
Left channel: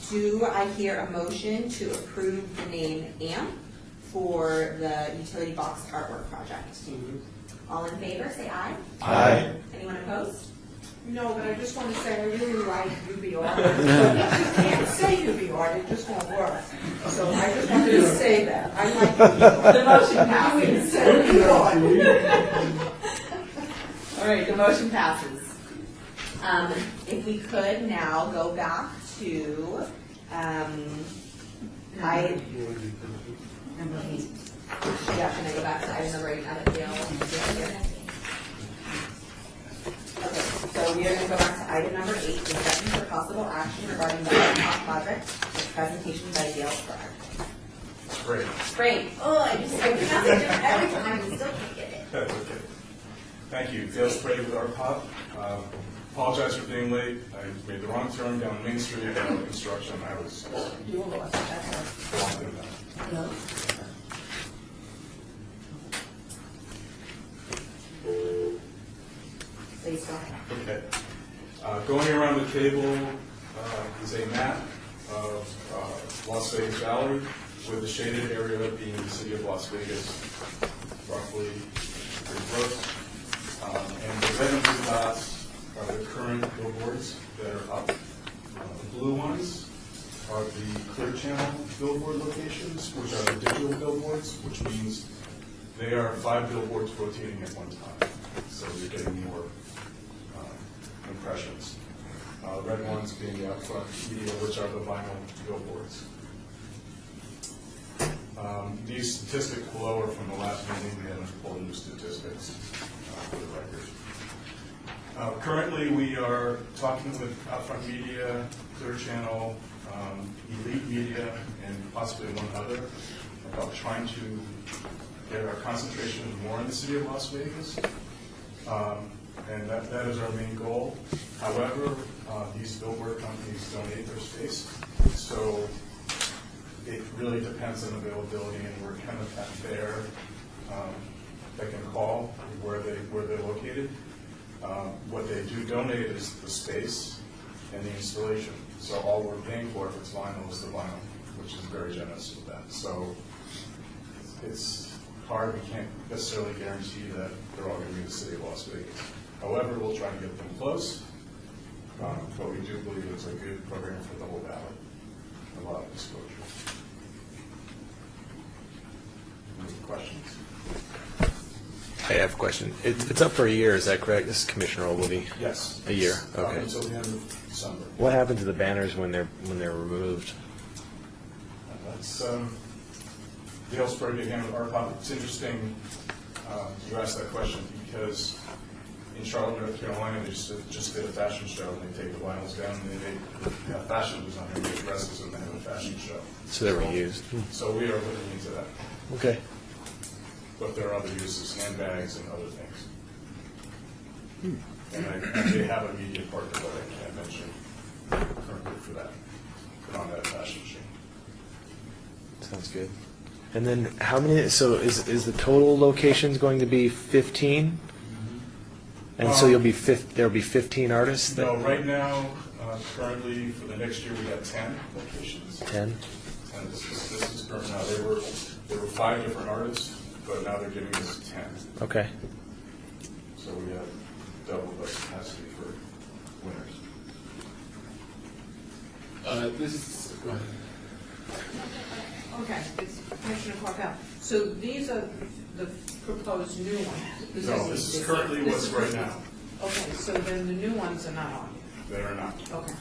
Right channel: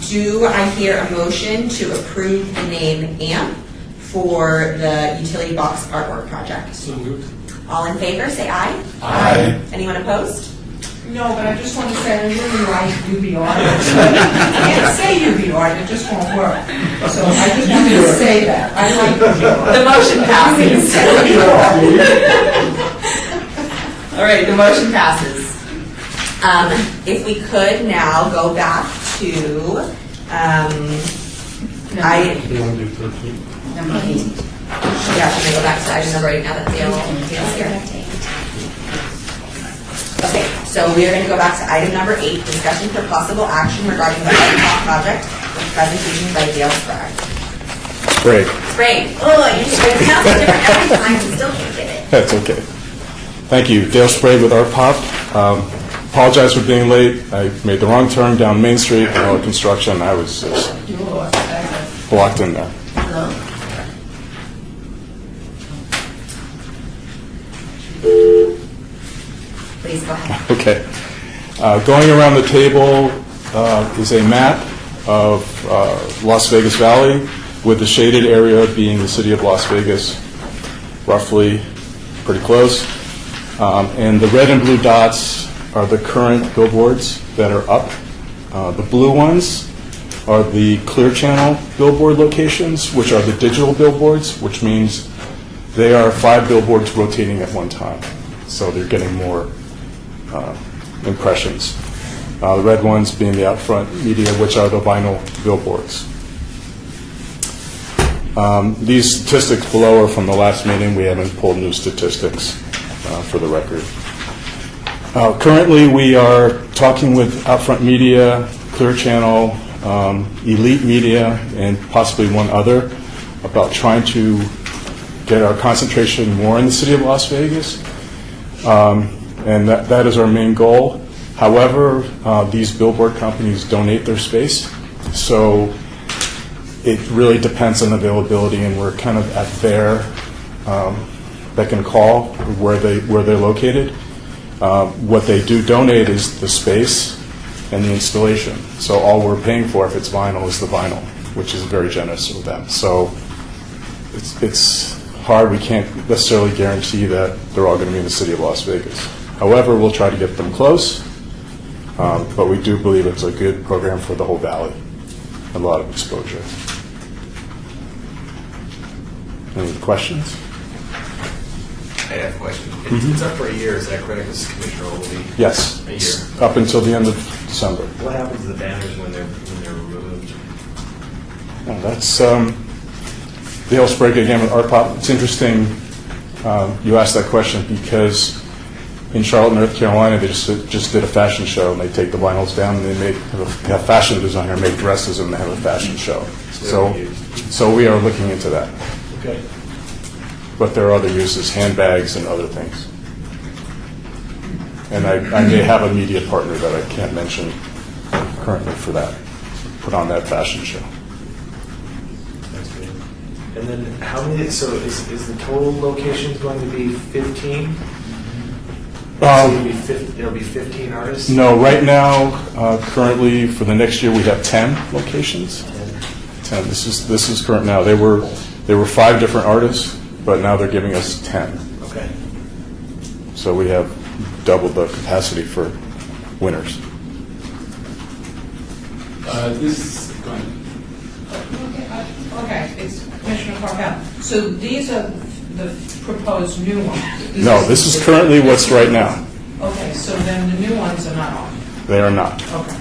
Do I hear a motion to approve the name AMP for the utility box artwork project? So moved. All in favor, say aye. Aye. Anyone opposed? No, but I just want to say I really like UV art. I can't say UV art, it just won't work. So I just wanted to say that. I like UV art. The motion passes. All right, the motion passes. If we could now go back to, You want to do 13? Number 8. yeah, can I go back to item number 8 now that Dale's here? Okay, so we are going to go back to item number 8, discussion for possible action regarding the Light Pop project with presentation by Dale Sprague. Sprague. Sprague. Oh, you should pronounce it different every time, I still can't get it. That's okay. Thank you. Dale Sprague with Art Pop. Apologize for being late. I made the wrong turn down Main Street, all construction. I was just blocked in there. Hello? Please go ahead. Okay. Going around the table is a map of Las Vegas Valley, with the shaded area being the city of Las Vegas, roughly pretty close. And the red and blue dots are the current billboards that are up. The blue ones are the Clear Channel billboard locations, which are the digital billboards, which means they are 5 billboards rotating at one time. So they're getting more impressions. The red ones being the Outfront Media, which are the vinyl billboards. These statistics below are from the last meeting. We haven't pulled new statistics for the record. Currently, we are talking with Outfront Media, Clear Channel, Elite Media, and possibly one other about trying to get our concentration more in the city of Las Vegas. And that is our main goal. However, these billboard companies donate their space, so it really depends on availability, and we're kind of at their beck and call where they're located. What they do donate is the space and the installation. So all we're paying for, if it's vinyl, is the vinyl, which is very generous of them. So it's hard. We can't necessarily guarantee that they're all going to be in the city of Las Vegas. However, we'll try to get them close, but we do believe it's a good program for the whole valley. A lot of exposure. Any questions? I have a question. It's up for a year, is that correct? This is Commissioner Ogilvy. Yes. A year. Up until the end of December. What happens to the banners when they're removed? Well, that's Dale Sprague again with Art Pop. It's interesting you asked that question because in Charlotte, North Carolina, they just did a fashion show, and they take the vinyls down and they have a fashion designer make dresses and they have a fashion show. So we are looking into that. Okay. But there are other uses, handbags and other things. And I may have a media partner that I can't mention currently for that, put on that fashion show. That's good. And then how many, so is the total locations going to be 15? There'll be 15 artists? No, right now, currently, for the next year, we have 10 locations. 10. This is current now. They were 5 different artists, but now they're giving us 10. Okay. So we have double the capacity for winners. Go ahead. Okay, it's Commissioner Carvel. So these are the proposed new ones? No, this is currently what's right now. Okay, so then the new ones are not on? They are not. Okay.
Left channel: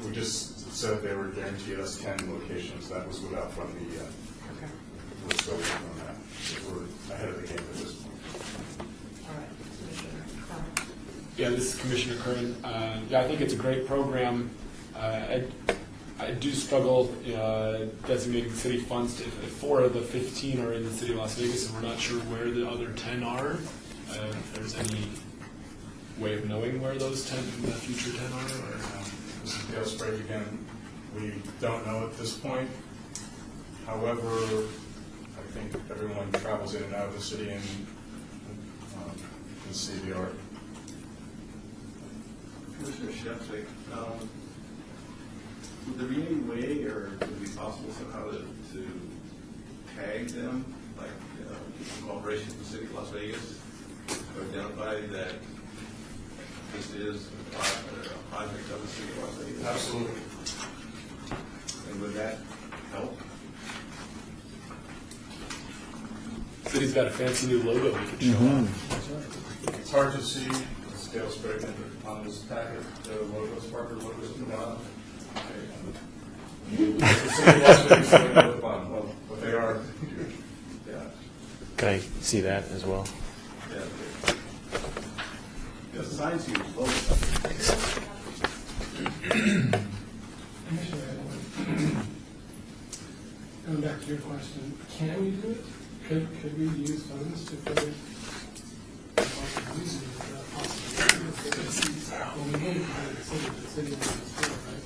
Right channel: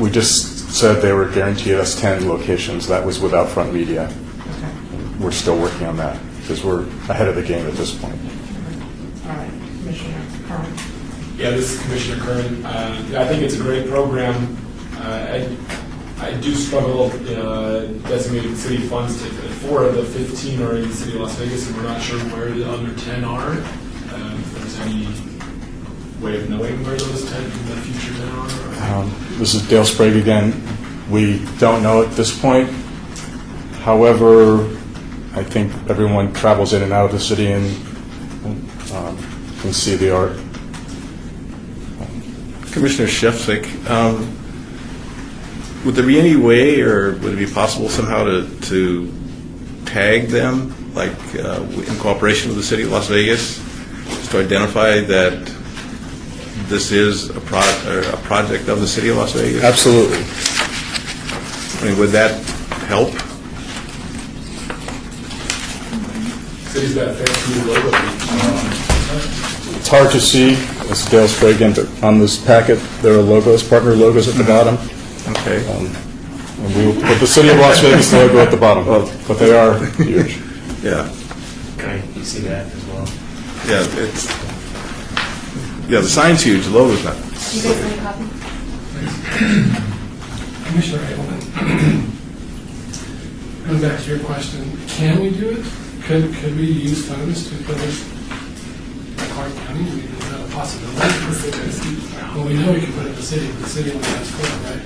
We just said they were guaranteed us 10 locations. That was with Outfront Media. Okay. We're still working on that because we're ahead of the game at this point. All right, Commissioner Curran. Yeah, this is Commissioner Curran. Yeah, I think it's a great program. I do struggle designating city funds. 4 of the 15 are in the city of Las Vegas, and we're not sure where the other 10 are. If there's any way of knowing where those 10, the future 10 are. This is Dale Sprague again. We don't know at this point. However, I think everyone travels in and out of the city, and You can see the art. Commissioner Shefzik, would there be any way, or would it be possible somehow to tag them, like in cooperation with the city of Las Vegas, just to identify that this is a project of the city of Las Vegas? Absolutely. I mean, would that help? City's got a fancy new logo. It's hard to see, as Dale Sprague again, but on this packet, there are logos, partner logos at the bottom. Okay. And we will put the City of Las Vegas logo at the bottom, but they are huge. Yeah. Okay, you see that as well? Yeah, the sign's huge, the logo's not. You guys want a copy? Commissioner Ableman, going back to your question, can we do it? Could we use funds to put this Clark County? Is that a possibility? Well, we know we can put it in the city, but the city only has 4, right?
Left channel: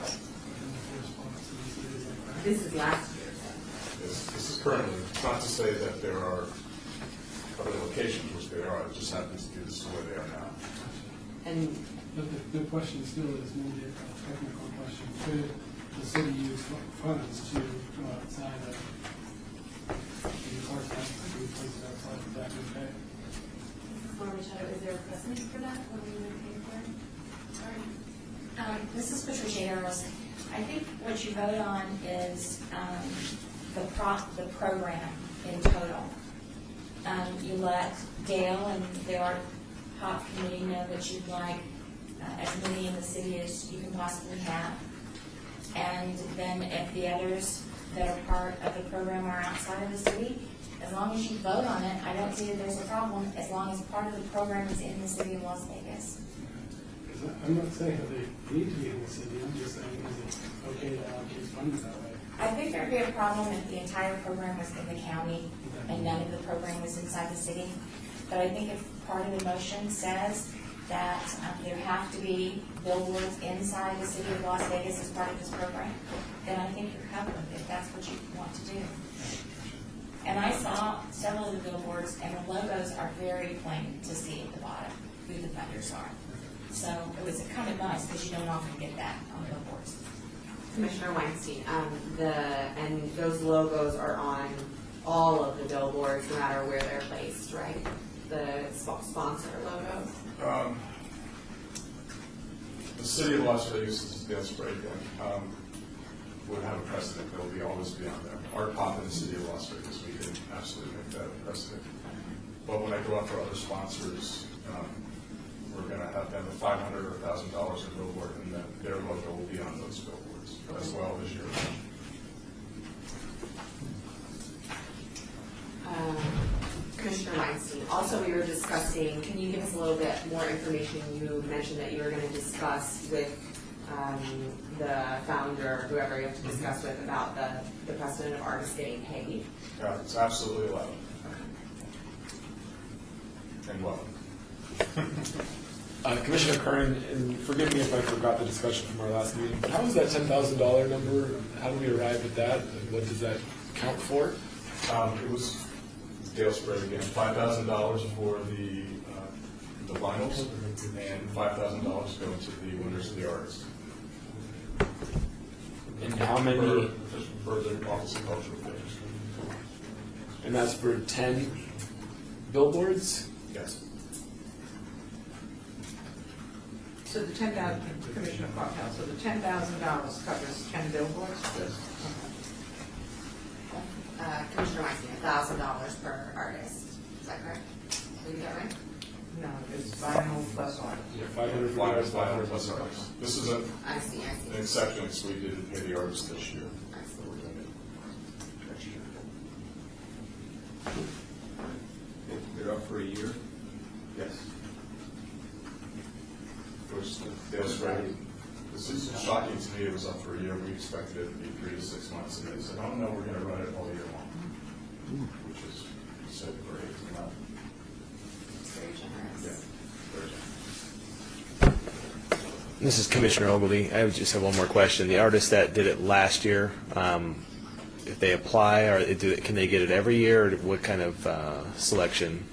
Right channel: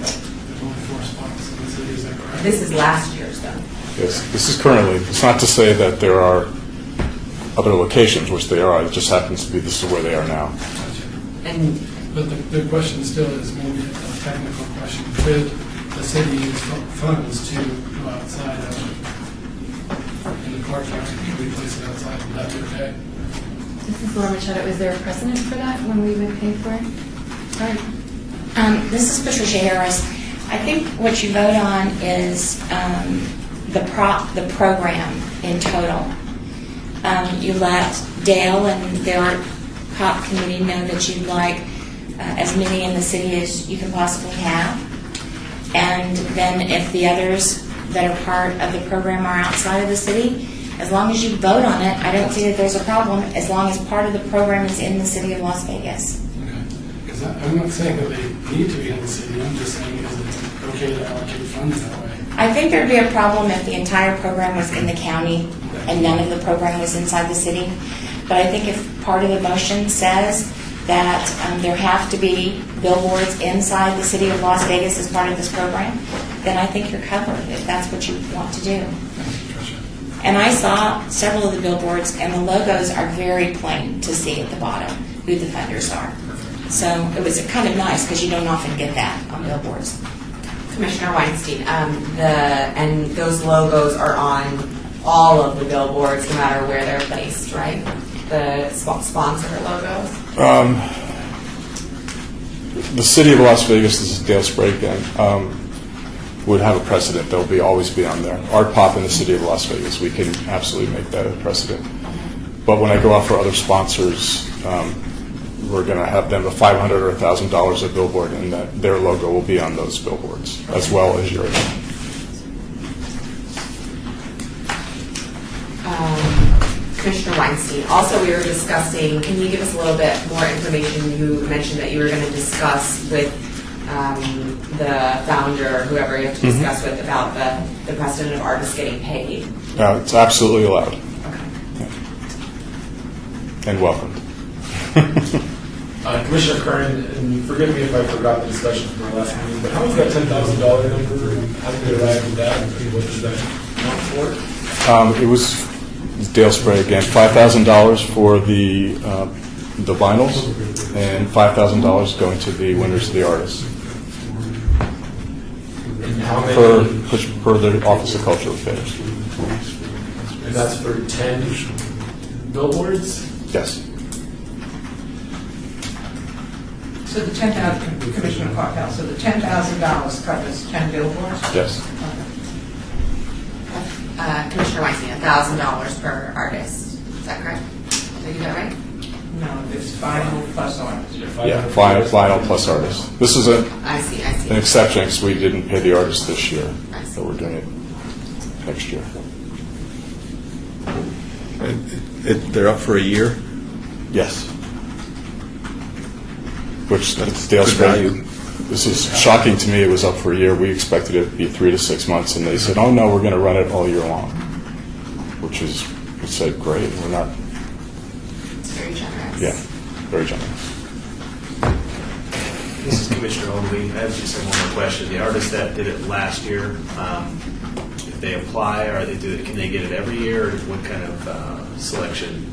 There's only 4 spots in the city, is that correct? This is last year's though. Yes, this is currently, it's not to say that there are other locations, which they are, it just happens to be this is where they are now. And But the question still is maybe a technical question. Could the city use funds to go outside of in the Clark County? Could we place it outside? Would that be okay? This is Laura Machado. Is there a precedent for that when we would pay for it? Sorry. This is Patricia Harris. I think what you vote on is the program in total. You let Dale and the Art Pop Committee know that you'd like as many in the city as you can possibly have. And then if the others that are part of the program are outside of the city, as long as you vote on it, I don't see that there's a problem, as long as part of the program is in the city of Las Vegas. Okay. Because I'm not saying that they need to be in the city. I'm just saying, is it okay to allocate funds that way? I think there'd be a problem if the entire program was in the county and none of the program was inside the city. But I think if part of the motion says that there have to be billboards inside the city of Las Vegas as part of this program, then I think you're covered if that's what you want to do. And I saw several of the billboards, and the logos are very plain to see at the bottom who the funders are. So it was kind of nice because you don't often get that on billboards. Commissioner Weinstein, and those logos are on all of the billboards, no matter where they're placed, right? The sponsor logos? The City of Las Vegas, this is Dale Sprague again, would have a precedent. They'll always be on there. Art Pop in the City of Las Vegas, we can absolutely make that a precedent. But when I go out for other sponsors, we're going to have them a $500 or $1,000 a billboard, and that their logo will be on those billboards, as well as yours. Commissioner Weinstein, also we were discussing, can you give us a little bit more information? You mentioned that you were going to discuss with the founder, whoever you have to discuss with, about the precedent of artists getting paid. It's absolutely allowed. Okay. Yeah. And welcome. Commissioner Curran, and forgive me if I forgot the discussion from our last meeting, but how was that $10,000 number? How did we arrive at that? And what does that count for? It was Dale Sprague again. $5,000 for the vinyls, and $5,000 going to the winners of the artists. And how many? Per the Office of Cultural Affairs. And that's for 10 billboards? Yes. So the 10,000, Commissioner Parkhouse, so the $10,000 covers 10 billboards? Yes. Commissioner Weinstein, $1,000 per artist. Is that correct? Did I get that right? No, it's vinyl plus artists. Yeah, vinyl plus artists. This is I see. an exception because we didn't pay the artists this year, so we're doing it next year. They're up for a year? Yes. Which That's Dale good Sprague, value. this is shocking to me. It was up for a year. We expected it to be 3 to 6 months, and they said, "Oh no, we're going to run it all year long," which is, we said, great. We're not. It's very generous. Yeah, very generous. This is Commissioner Ogilvie. I have just one more question. The artist that did it last year, if they apply, or can they get it every year, or what kind of selection?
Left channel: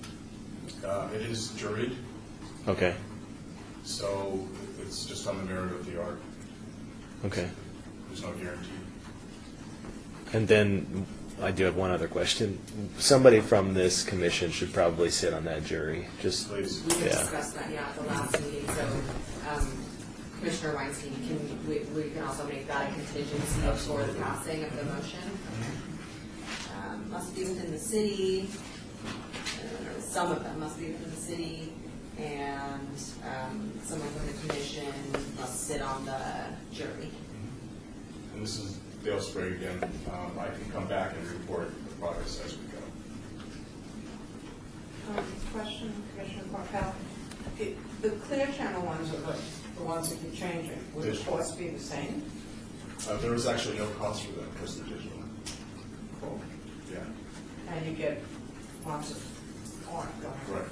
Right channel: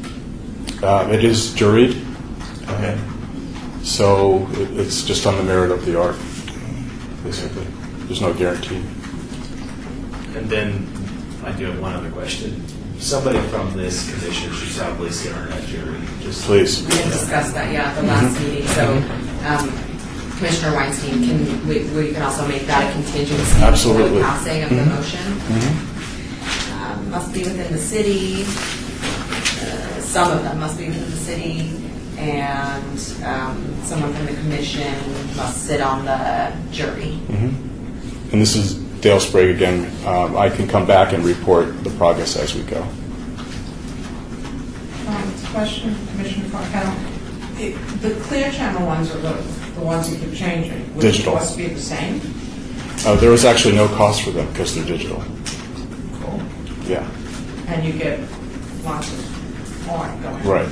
It is juried. Okay. So it's just on the merit of the art, basically. There's no guarantee. And then I do have one other question. Somebody from this commission should probably sit on that jury. Just Please. We had discussed that, yeah, at the last meeting, so Commissioner Weinstein, we can also make that a contingency for Absolutely. the passing of the motion. Must be within the city, some of them must be within the city, and someone from the commission must sit on the jury. And this is Dale Sprague again. I can come back and report the progress as we go. Question, Commissioner Farquhar. The Clear Channel ones are the ones that keep changing. Would Digital. the cost be the same? There was actually no cost for them because they're digital. Cool. Yeah. And you get lots of more going. Right.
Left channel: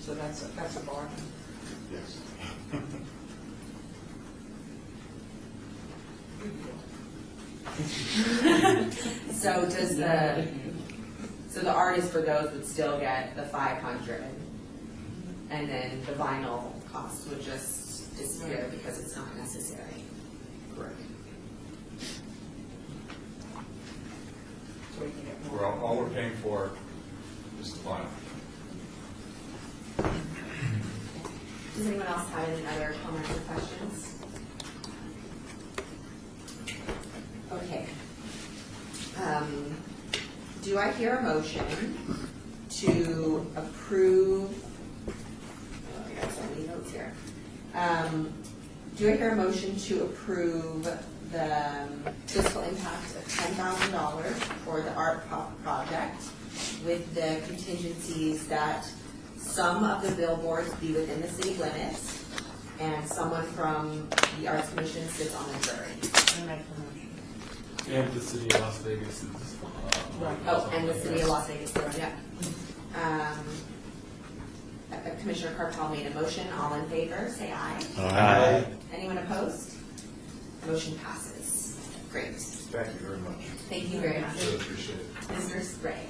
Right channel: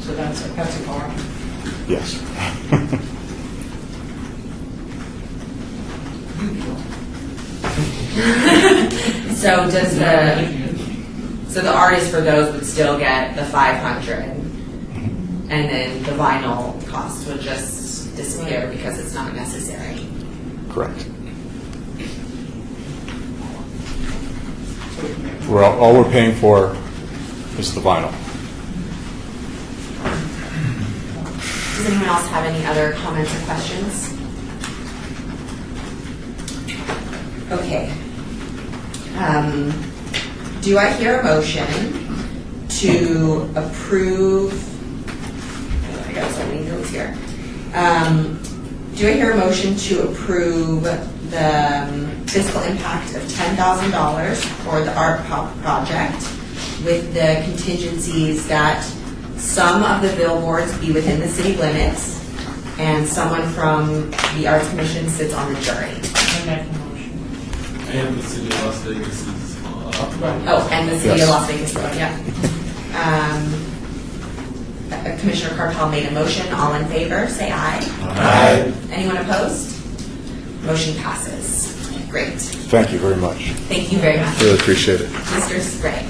So that's a bargain. Yes. So the artist for those would still get the 500, and then the vinyl cost would just disappear because it's not necessary. Correct. All we're paying for is the vinyl. Does anyone else have any other comments or questions? Okay. Do I hear a motion to approve? I got so many notes here. Do I hear a motion to approve the fiscal impact of $10,000 for the art pop project with the contingencies that some of the billboards be within the city limits and someone from the Arts Commission sits on the jury? And the city of Las Vegas is. Oh, and the city Yes. of Las Vegas, yeah. Commissioner Carpal made a motion. All in favor, say aye. Aye. Anyone opposed? Motion passes. Great. Thank you very much. Thank you very much. Really appreciate it. Mr. Sprague.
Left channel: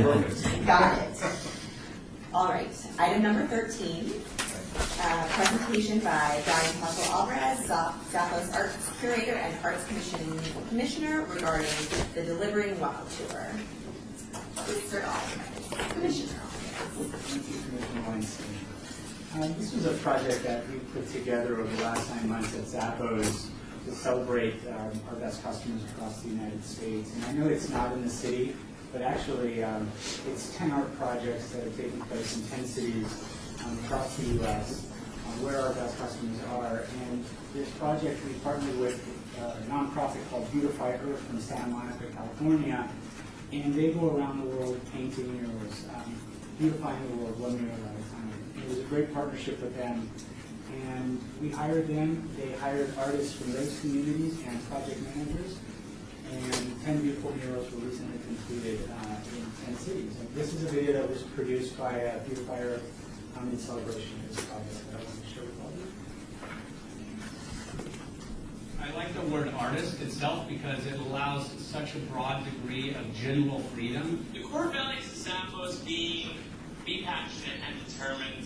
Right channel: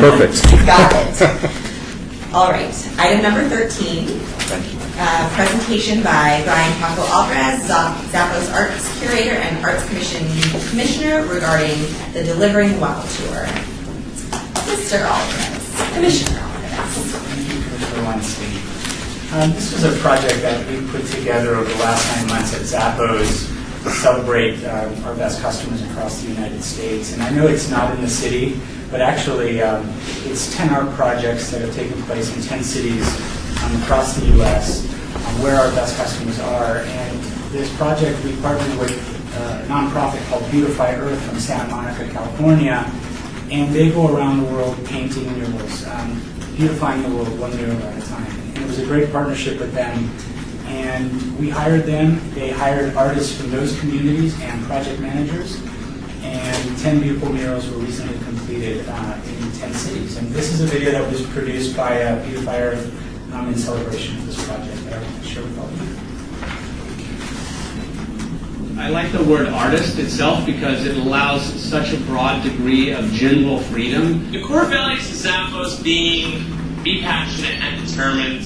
Perfect. Got it. All right. Item number 13. Thank you. Presentation by Brian Paco Alvarez, Zappos Arts Curator and Arts Commission Commissioner regarding the Delivering Well Tour. Mr. Alvarez, Commissioner Alvarez. Thank you, Commissioner Weinstein. This was a project that we put together over the last 9 months at Zappos to celebrate our best customers across the United States. And I know it's not in the city, but actually it's 10 art projects that have taken place in 10 cities across the U.S. Where our best customers are. And this project, we partnered with a nonprofit called Beautify Earth from Santa Monica, California, and they go around the world painting murals, beautifying the world one mural at a time. And it was a great partnership with them. And we hired them. They hired artists from those communities and project managers. And 10 beautiful murals were recently completed in 10 cities. And this is a video that was produced by Beautify Earth in celebration of this project that I want to share with all of you. I like the word artist itself because it allows such a broad degree of general freedom. The core values of Zappos being be passionate and determined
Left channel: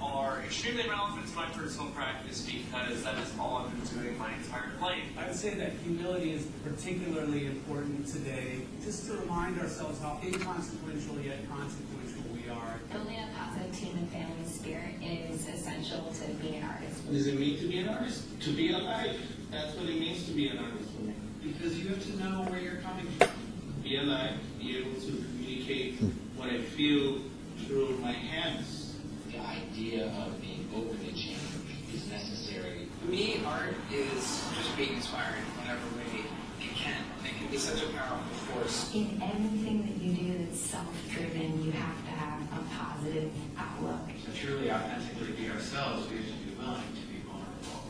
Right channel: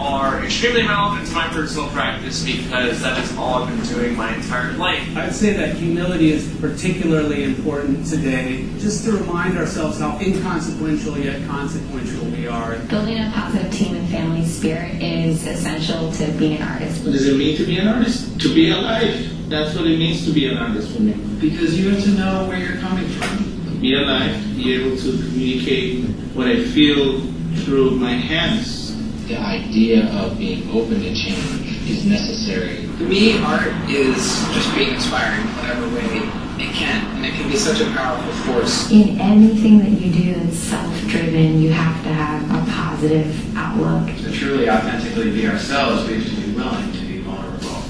are extremely relevant to my personal practice because that is all I've been doing my entire life. I'd say that humility is particularly important today, just to remind ourselves how inconsequential yet consequential we are. Building a positive team and family spirit is essential to being an artist. What does it mean to be an artist? To be alive. That's what it means to be an artist for me. Because you have to know where you're coming from. Be alive, be able to communicate what I feel through my hands. The idea of being open to change is necessary. For me, art is just being inspiring in whatever way it can, and it can be such a powerful force. In anything that you do that's self-driven, you have to have a positive outlook. To truly authentically be ourselves, we have to be willing to be vulnerable.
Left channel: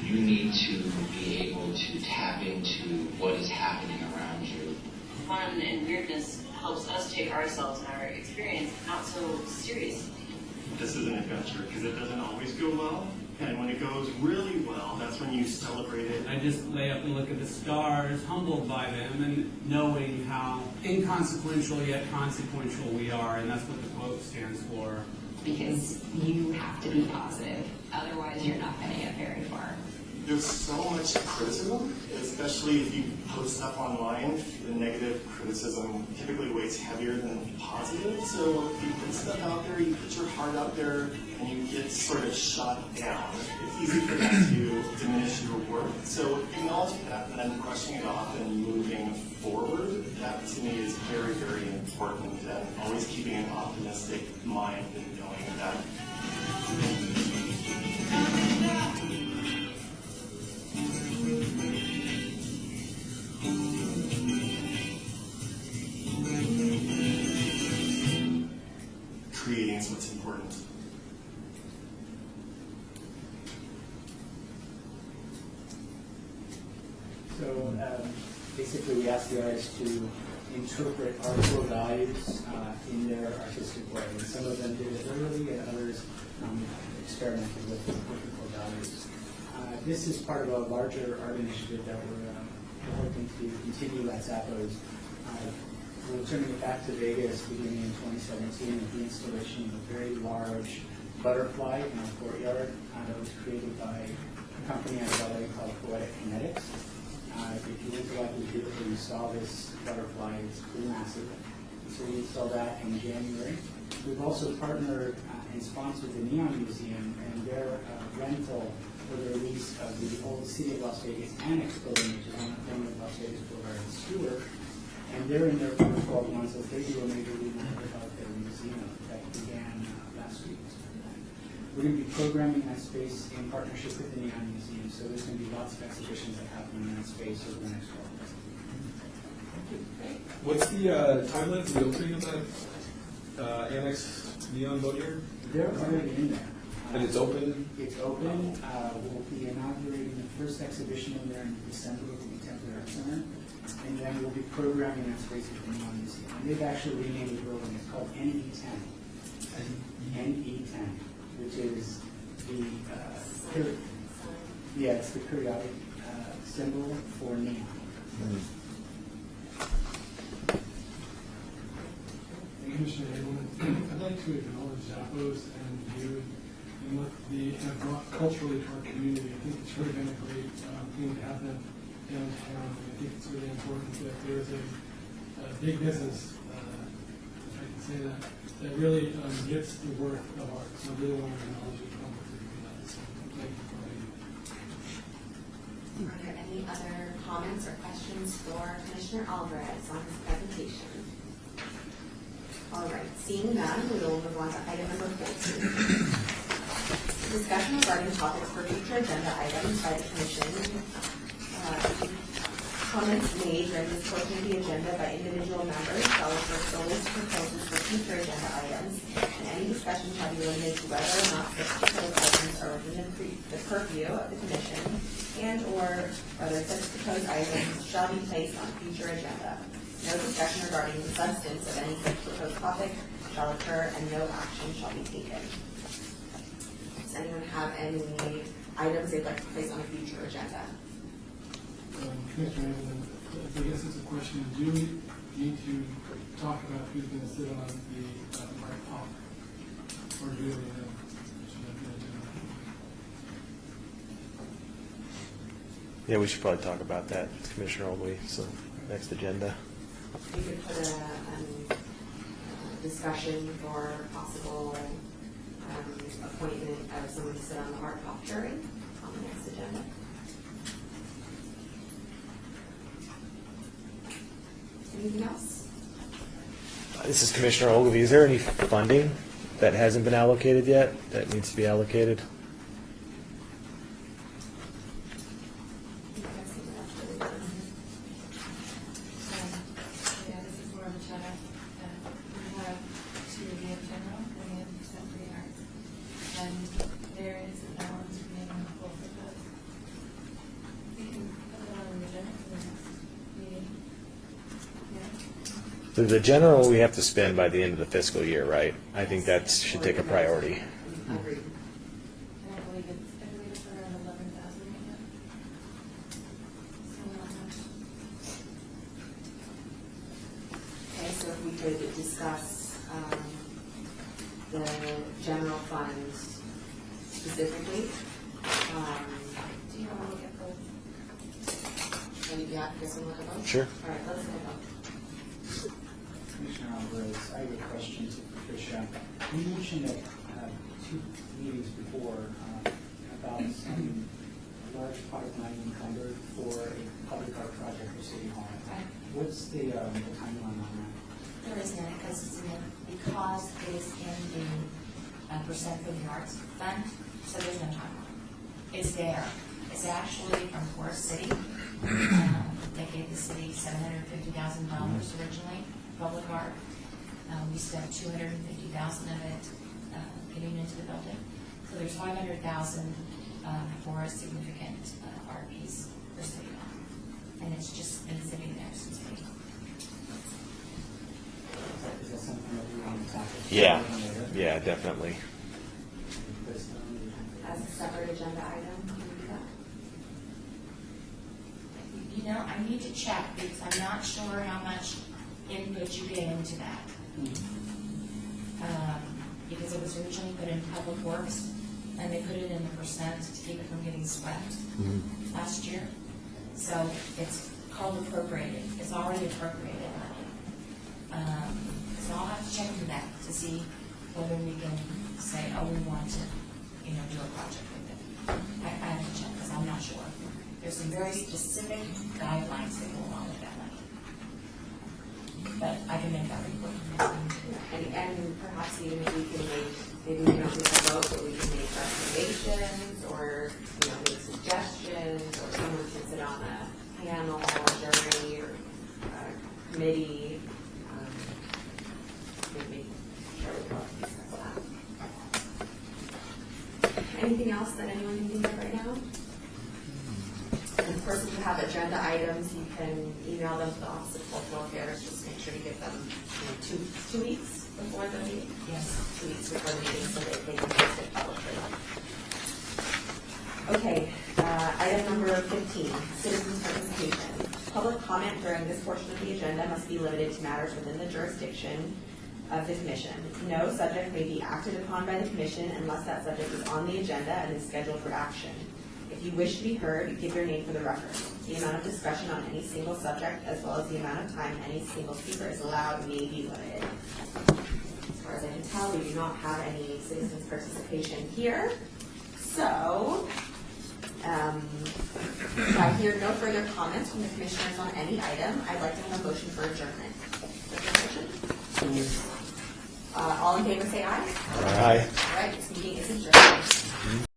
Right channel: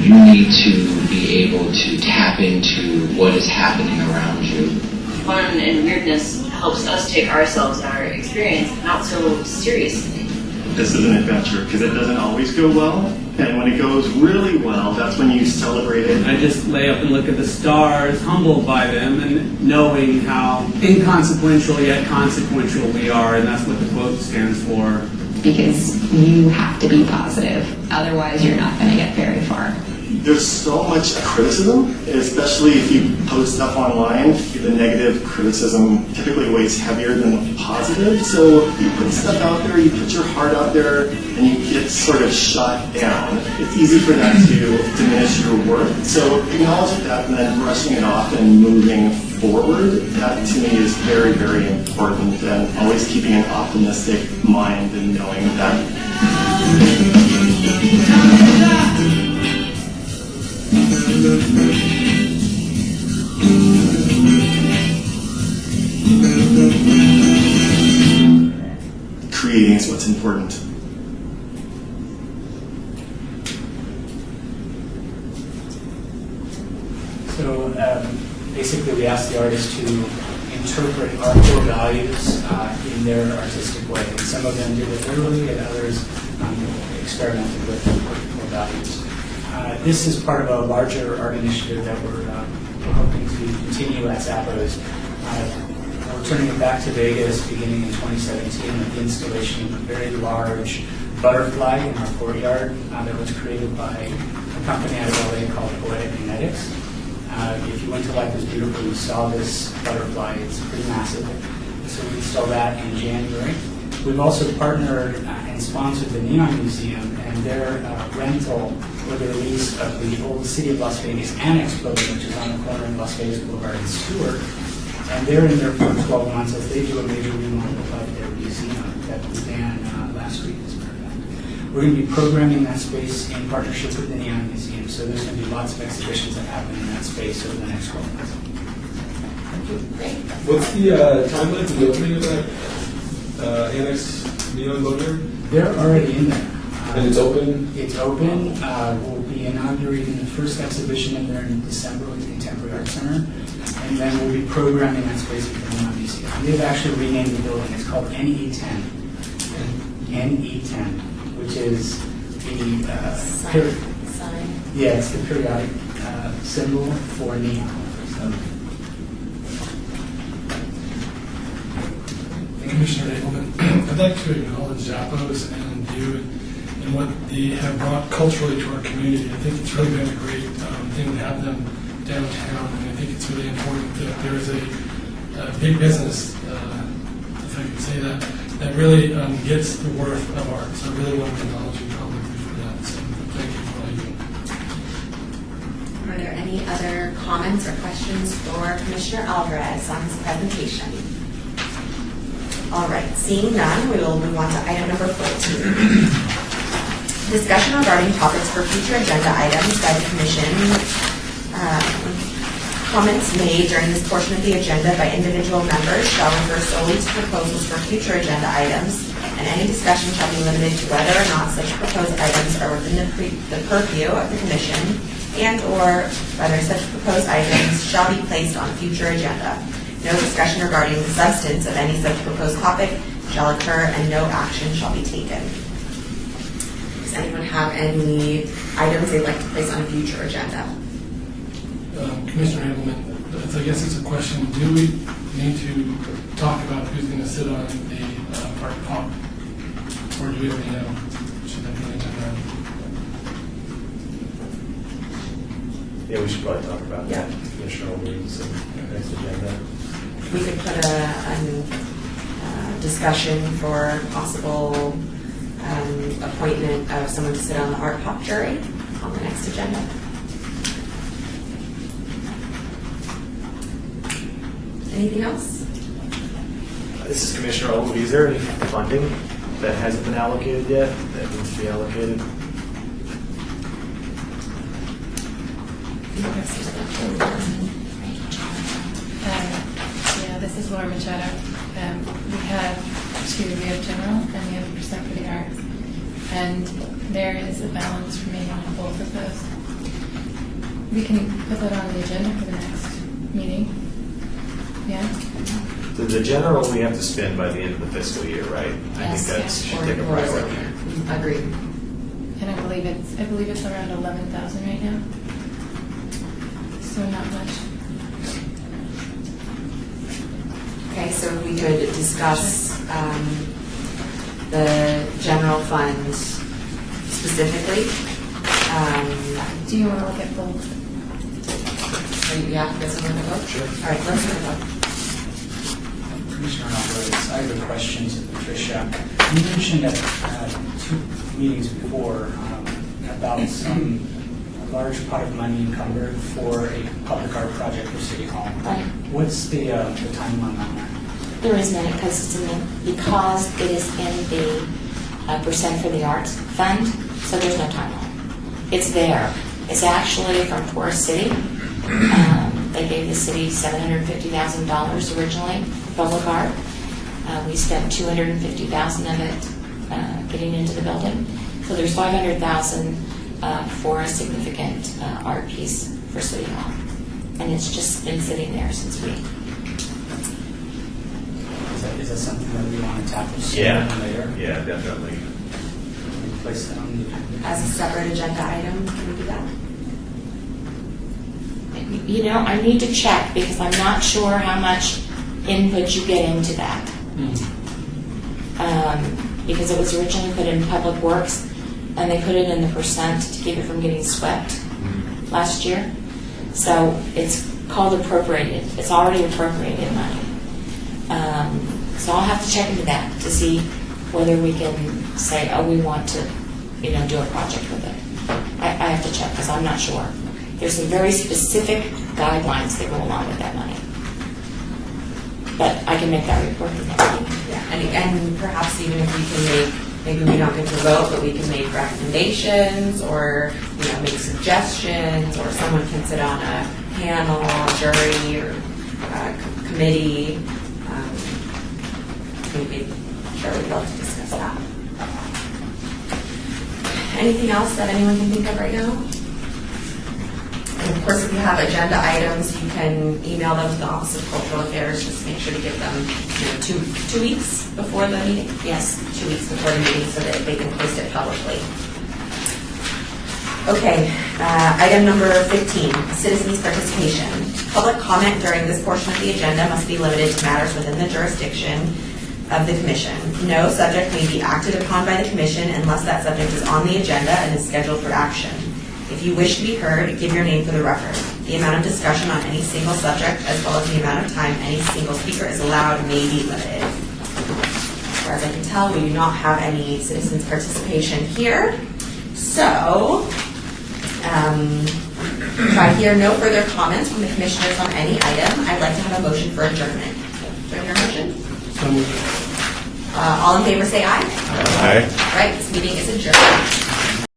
You need to be able to tap into what is happening around you. Fun and weirdness helps us take ourselves and our experience not so seriously. This is an adventure because it doesn't always go well, And when it goes really well, that's when you celebrate it. I just lay up and look at the stars, humbled by them, and knowing how inconsequential yet consequential we are, and that's what the quote stands for. Because you have to be positive, otherwise you're not going to get very far. There's so much criticism, especially if you post stuff online. The negative criticism typically weighs heavier than the positive. So you put stuff out there, you put your heart out there, and you get sort of shot down. It's easy for that to diminish your worth. So acknowledging that and then brushing it off and moving forward, that to me is very, very important. And always keeping an optimistic mind and knowing that creating is what's important. So basically we ask the artists to interpret our core values in their artistic way. And some of them did it literally, and others experimented with the core values. This is part of a larger art initiative that we're hoping to continue at Zappos. We're turning it back to Vegas beginning in 2017 with the installation of a very large butterfly in our courtyard that was created by a company out of LA called Poetic Kinetics. If you went to Life is Beautiful, you saw this butterfly. It's pretty massive. So we installed that in January. We've also partnered and sponsored the Neon Museum and their rental or the release of the old City of Las Vegas Annex building, which is on the corner of Las Vegas Boulevard and Stewart. And they're in there for 12 months as they do a major remodel of their museum that began last week, as a matter of fact. We're going to be programming that space in partnership with the Neon Museum, so there's going to be lots of exhibitions that happen in that space over the next 12 months. What's the timeline for the opening of that Annex Neon Boulevard? They're already in there. And it's open? It's open. We'll be inaugurating the first exhibition in there in December with the Contemporary Art Center. And then we'll be programming that space with the Neon Museum. They've actually renamed the building. It's called NE10. NE10, which is the Sign. yeah, it's the periodic symbol for neon. So. Commissioner Abelman, I'd like to acknowledge Zappos and you and what they have brought culturally to our community. I think it's really been a great thing to have them downtown, and I think it's really important that there is a big business, if I can say that, that really gets the worth of art. So I really want to acknowledge you publicly for that. So thank you for all you do. Are there any other comments or questions for Commissioner Alvarez on his presentation? All right, seeing none, we will move on to item number 14. Discussion regarding topics for future agenda items by the Commission. Comments made during this portion of the agenda by individual members shall refer solely to proposals for future agenda items, and any discussion shall be limited to whether or not such proposed items are within the purview of the Commission, and/or whether such proposed items shall be placed on a future agenda. No discussion regarding the substance of any such proposed topic shall occur, and no action shall be taken. Does anyone have any items they'd like to place on a future agenda? Commissioner Abelman, I guess it's a question. Do we need to talk about who's going to sit on a art pop? Or do we already know? Should that be on the agenda? Yeah, we should probably talk about that. Commissioner Williams, next agenda. We could put a discussion for possible appointment of someone to sit on the art pop jury on the next agenda. Anything else? This is Commissioner Ogilvie. Is there any funding that hasn't been allocated yet that needs to be allocated? Yeah, this is Laura Machado. We have general and we have % for the arts. And there is a balance remaining on both of those. We can put that on the agenda for the next meeting. Yeah? The general we have to spend by the end of the fiscal year, right? I think that should take a priority. Agreed. And I believe believe it's around 11,000 right now. So not much. Okay, so we could discuss the general fund specifically. Do you want to look at both? Yeah, guess we'll look at both? Sure. All right, let's look at both. Commissioner Alvarez, I have a question to Patricia. You mentioned at 2 meetings before about a large pot of money encumbered for a public art project for City Hall. Right. What's the timeline on that? There is none because it is in the percent for the arts fund, so there's no timeline. It's there. It's actually from Forest City. They gave the city $750,000 originally, public art. We spent $250,000 of it getting into the building. So there's $500,000 for a significant art piece for City Hall. And it's just been sitting there since we... Is that something that we want to tackle Yeah. sooner than later? Yeah, definitely. Can we place that on the agenda? As a separate agenda item, can we do that? You know, I need to check because I'm not sure how much input you get into that. Because it was originally put in Public Works, and they put it in the percent to keep it from getting swept last year. So it's called appropriated. It's already appropriated money. So I'll have to check into that to see whether we can say, oh, we want to, do a project with it. I have to check because I'm not sure. There's some very specific guidelines that go along with that money. But I can make that report in the next meeting. Yeah, and perhaps even if we can maybe we don't get to vote, but we can make recommendations or, make suggestions, or someone can sit on a panel, jury, or committee. I think sure we'd love to discuss that. Anything else that anyone can think of right now? And of course, if you have agenda items, you can email them to the Office of Cultural Affairs. Just make sure to give them 2 weeks before the meeting. Yes, 2 weeks before the meeting so that they can post it publicly. Okay, item number 15, citizens' participation. Public comment during this portion of the agenda must be limited to matters within the jurisdiction of the commission. No subject may be acted upon by the commission unless that subject is on the agenda and is scheduled for action. If you wish to be heard, give your name for the record. The amount of discussion on any single subject, as well as the amount of time any single speaker is allowed, may be limited. As far as I can tell, we do not have any citizens' participation here. So, if I hear no further comments from the commissioners on any item, I'd like to have a motion for adjournment. Do I hear a motion? So moved. All in favor say aye. Aye. All right, this meeting is adjourned.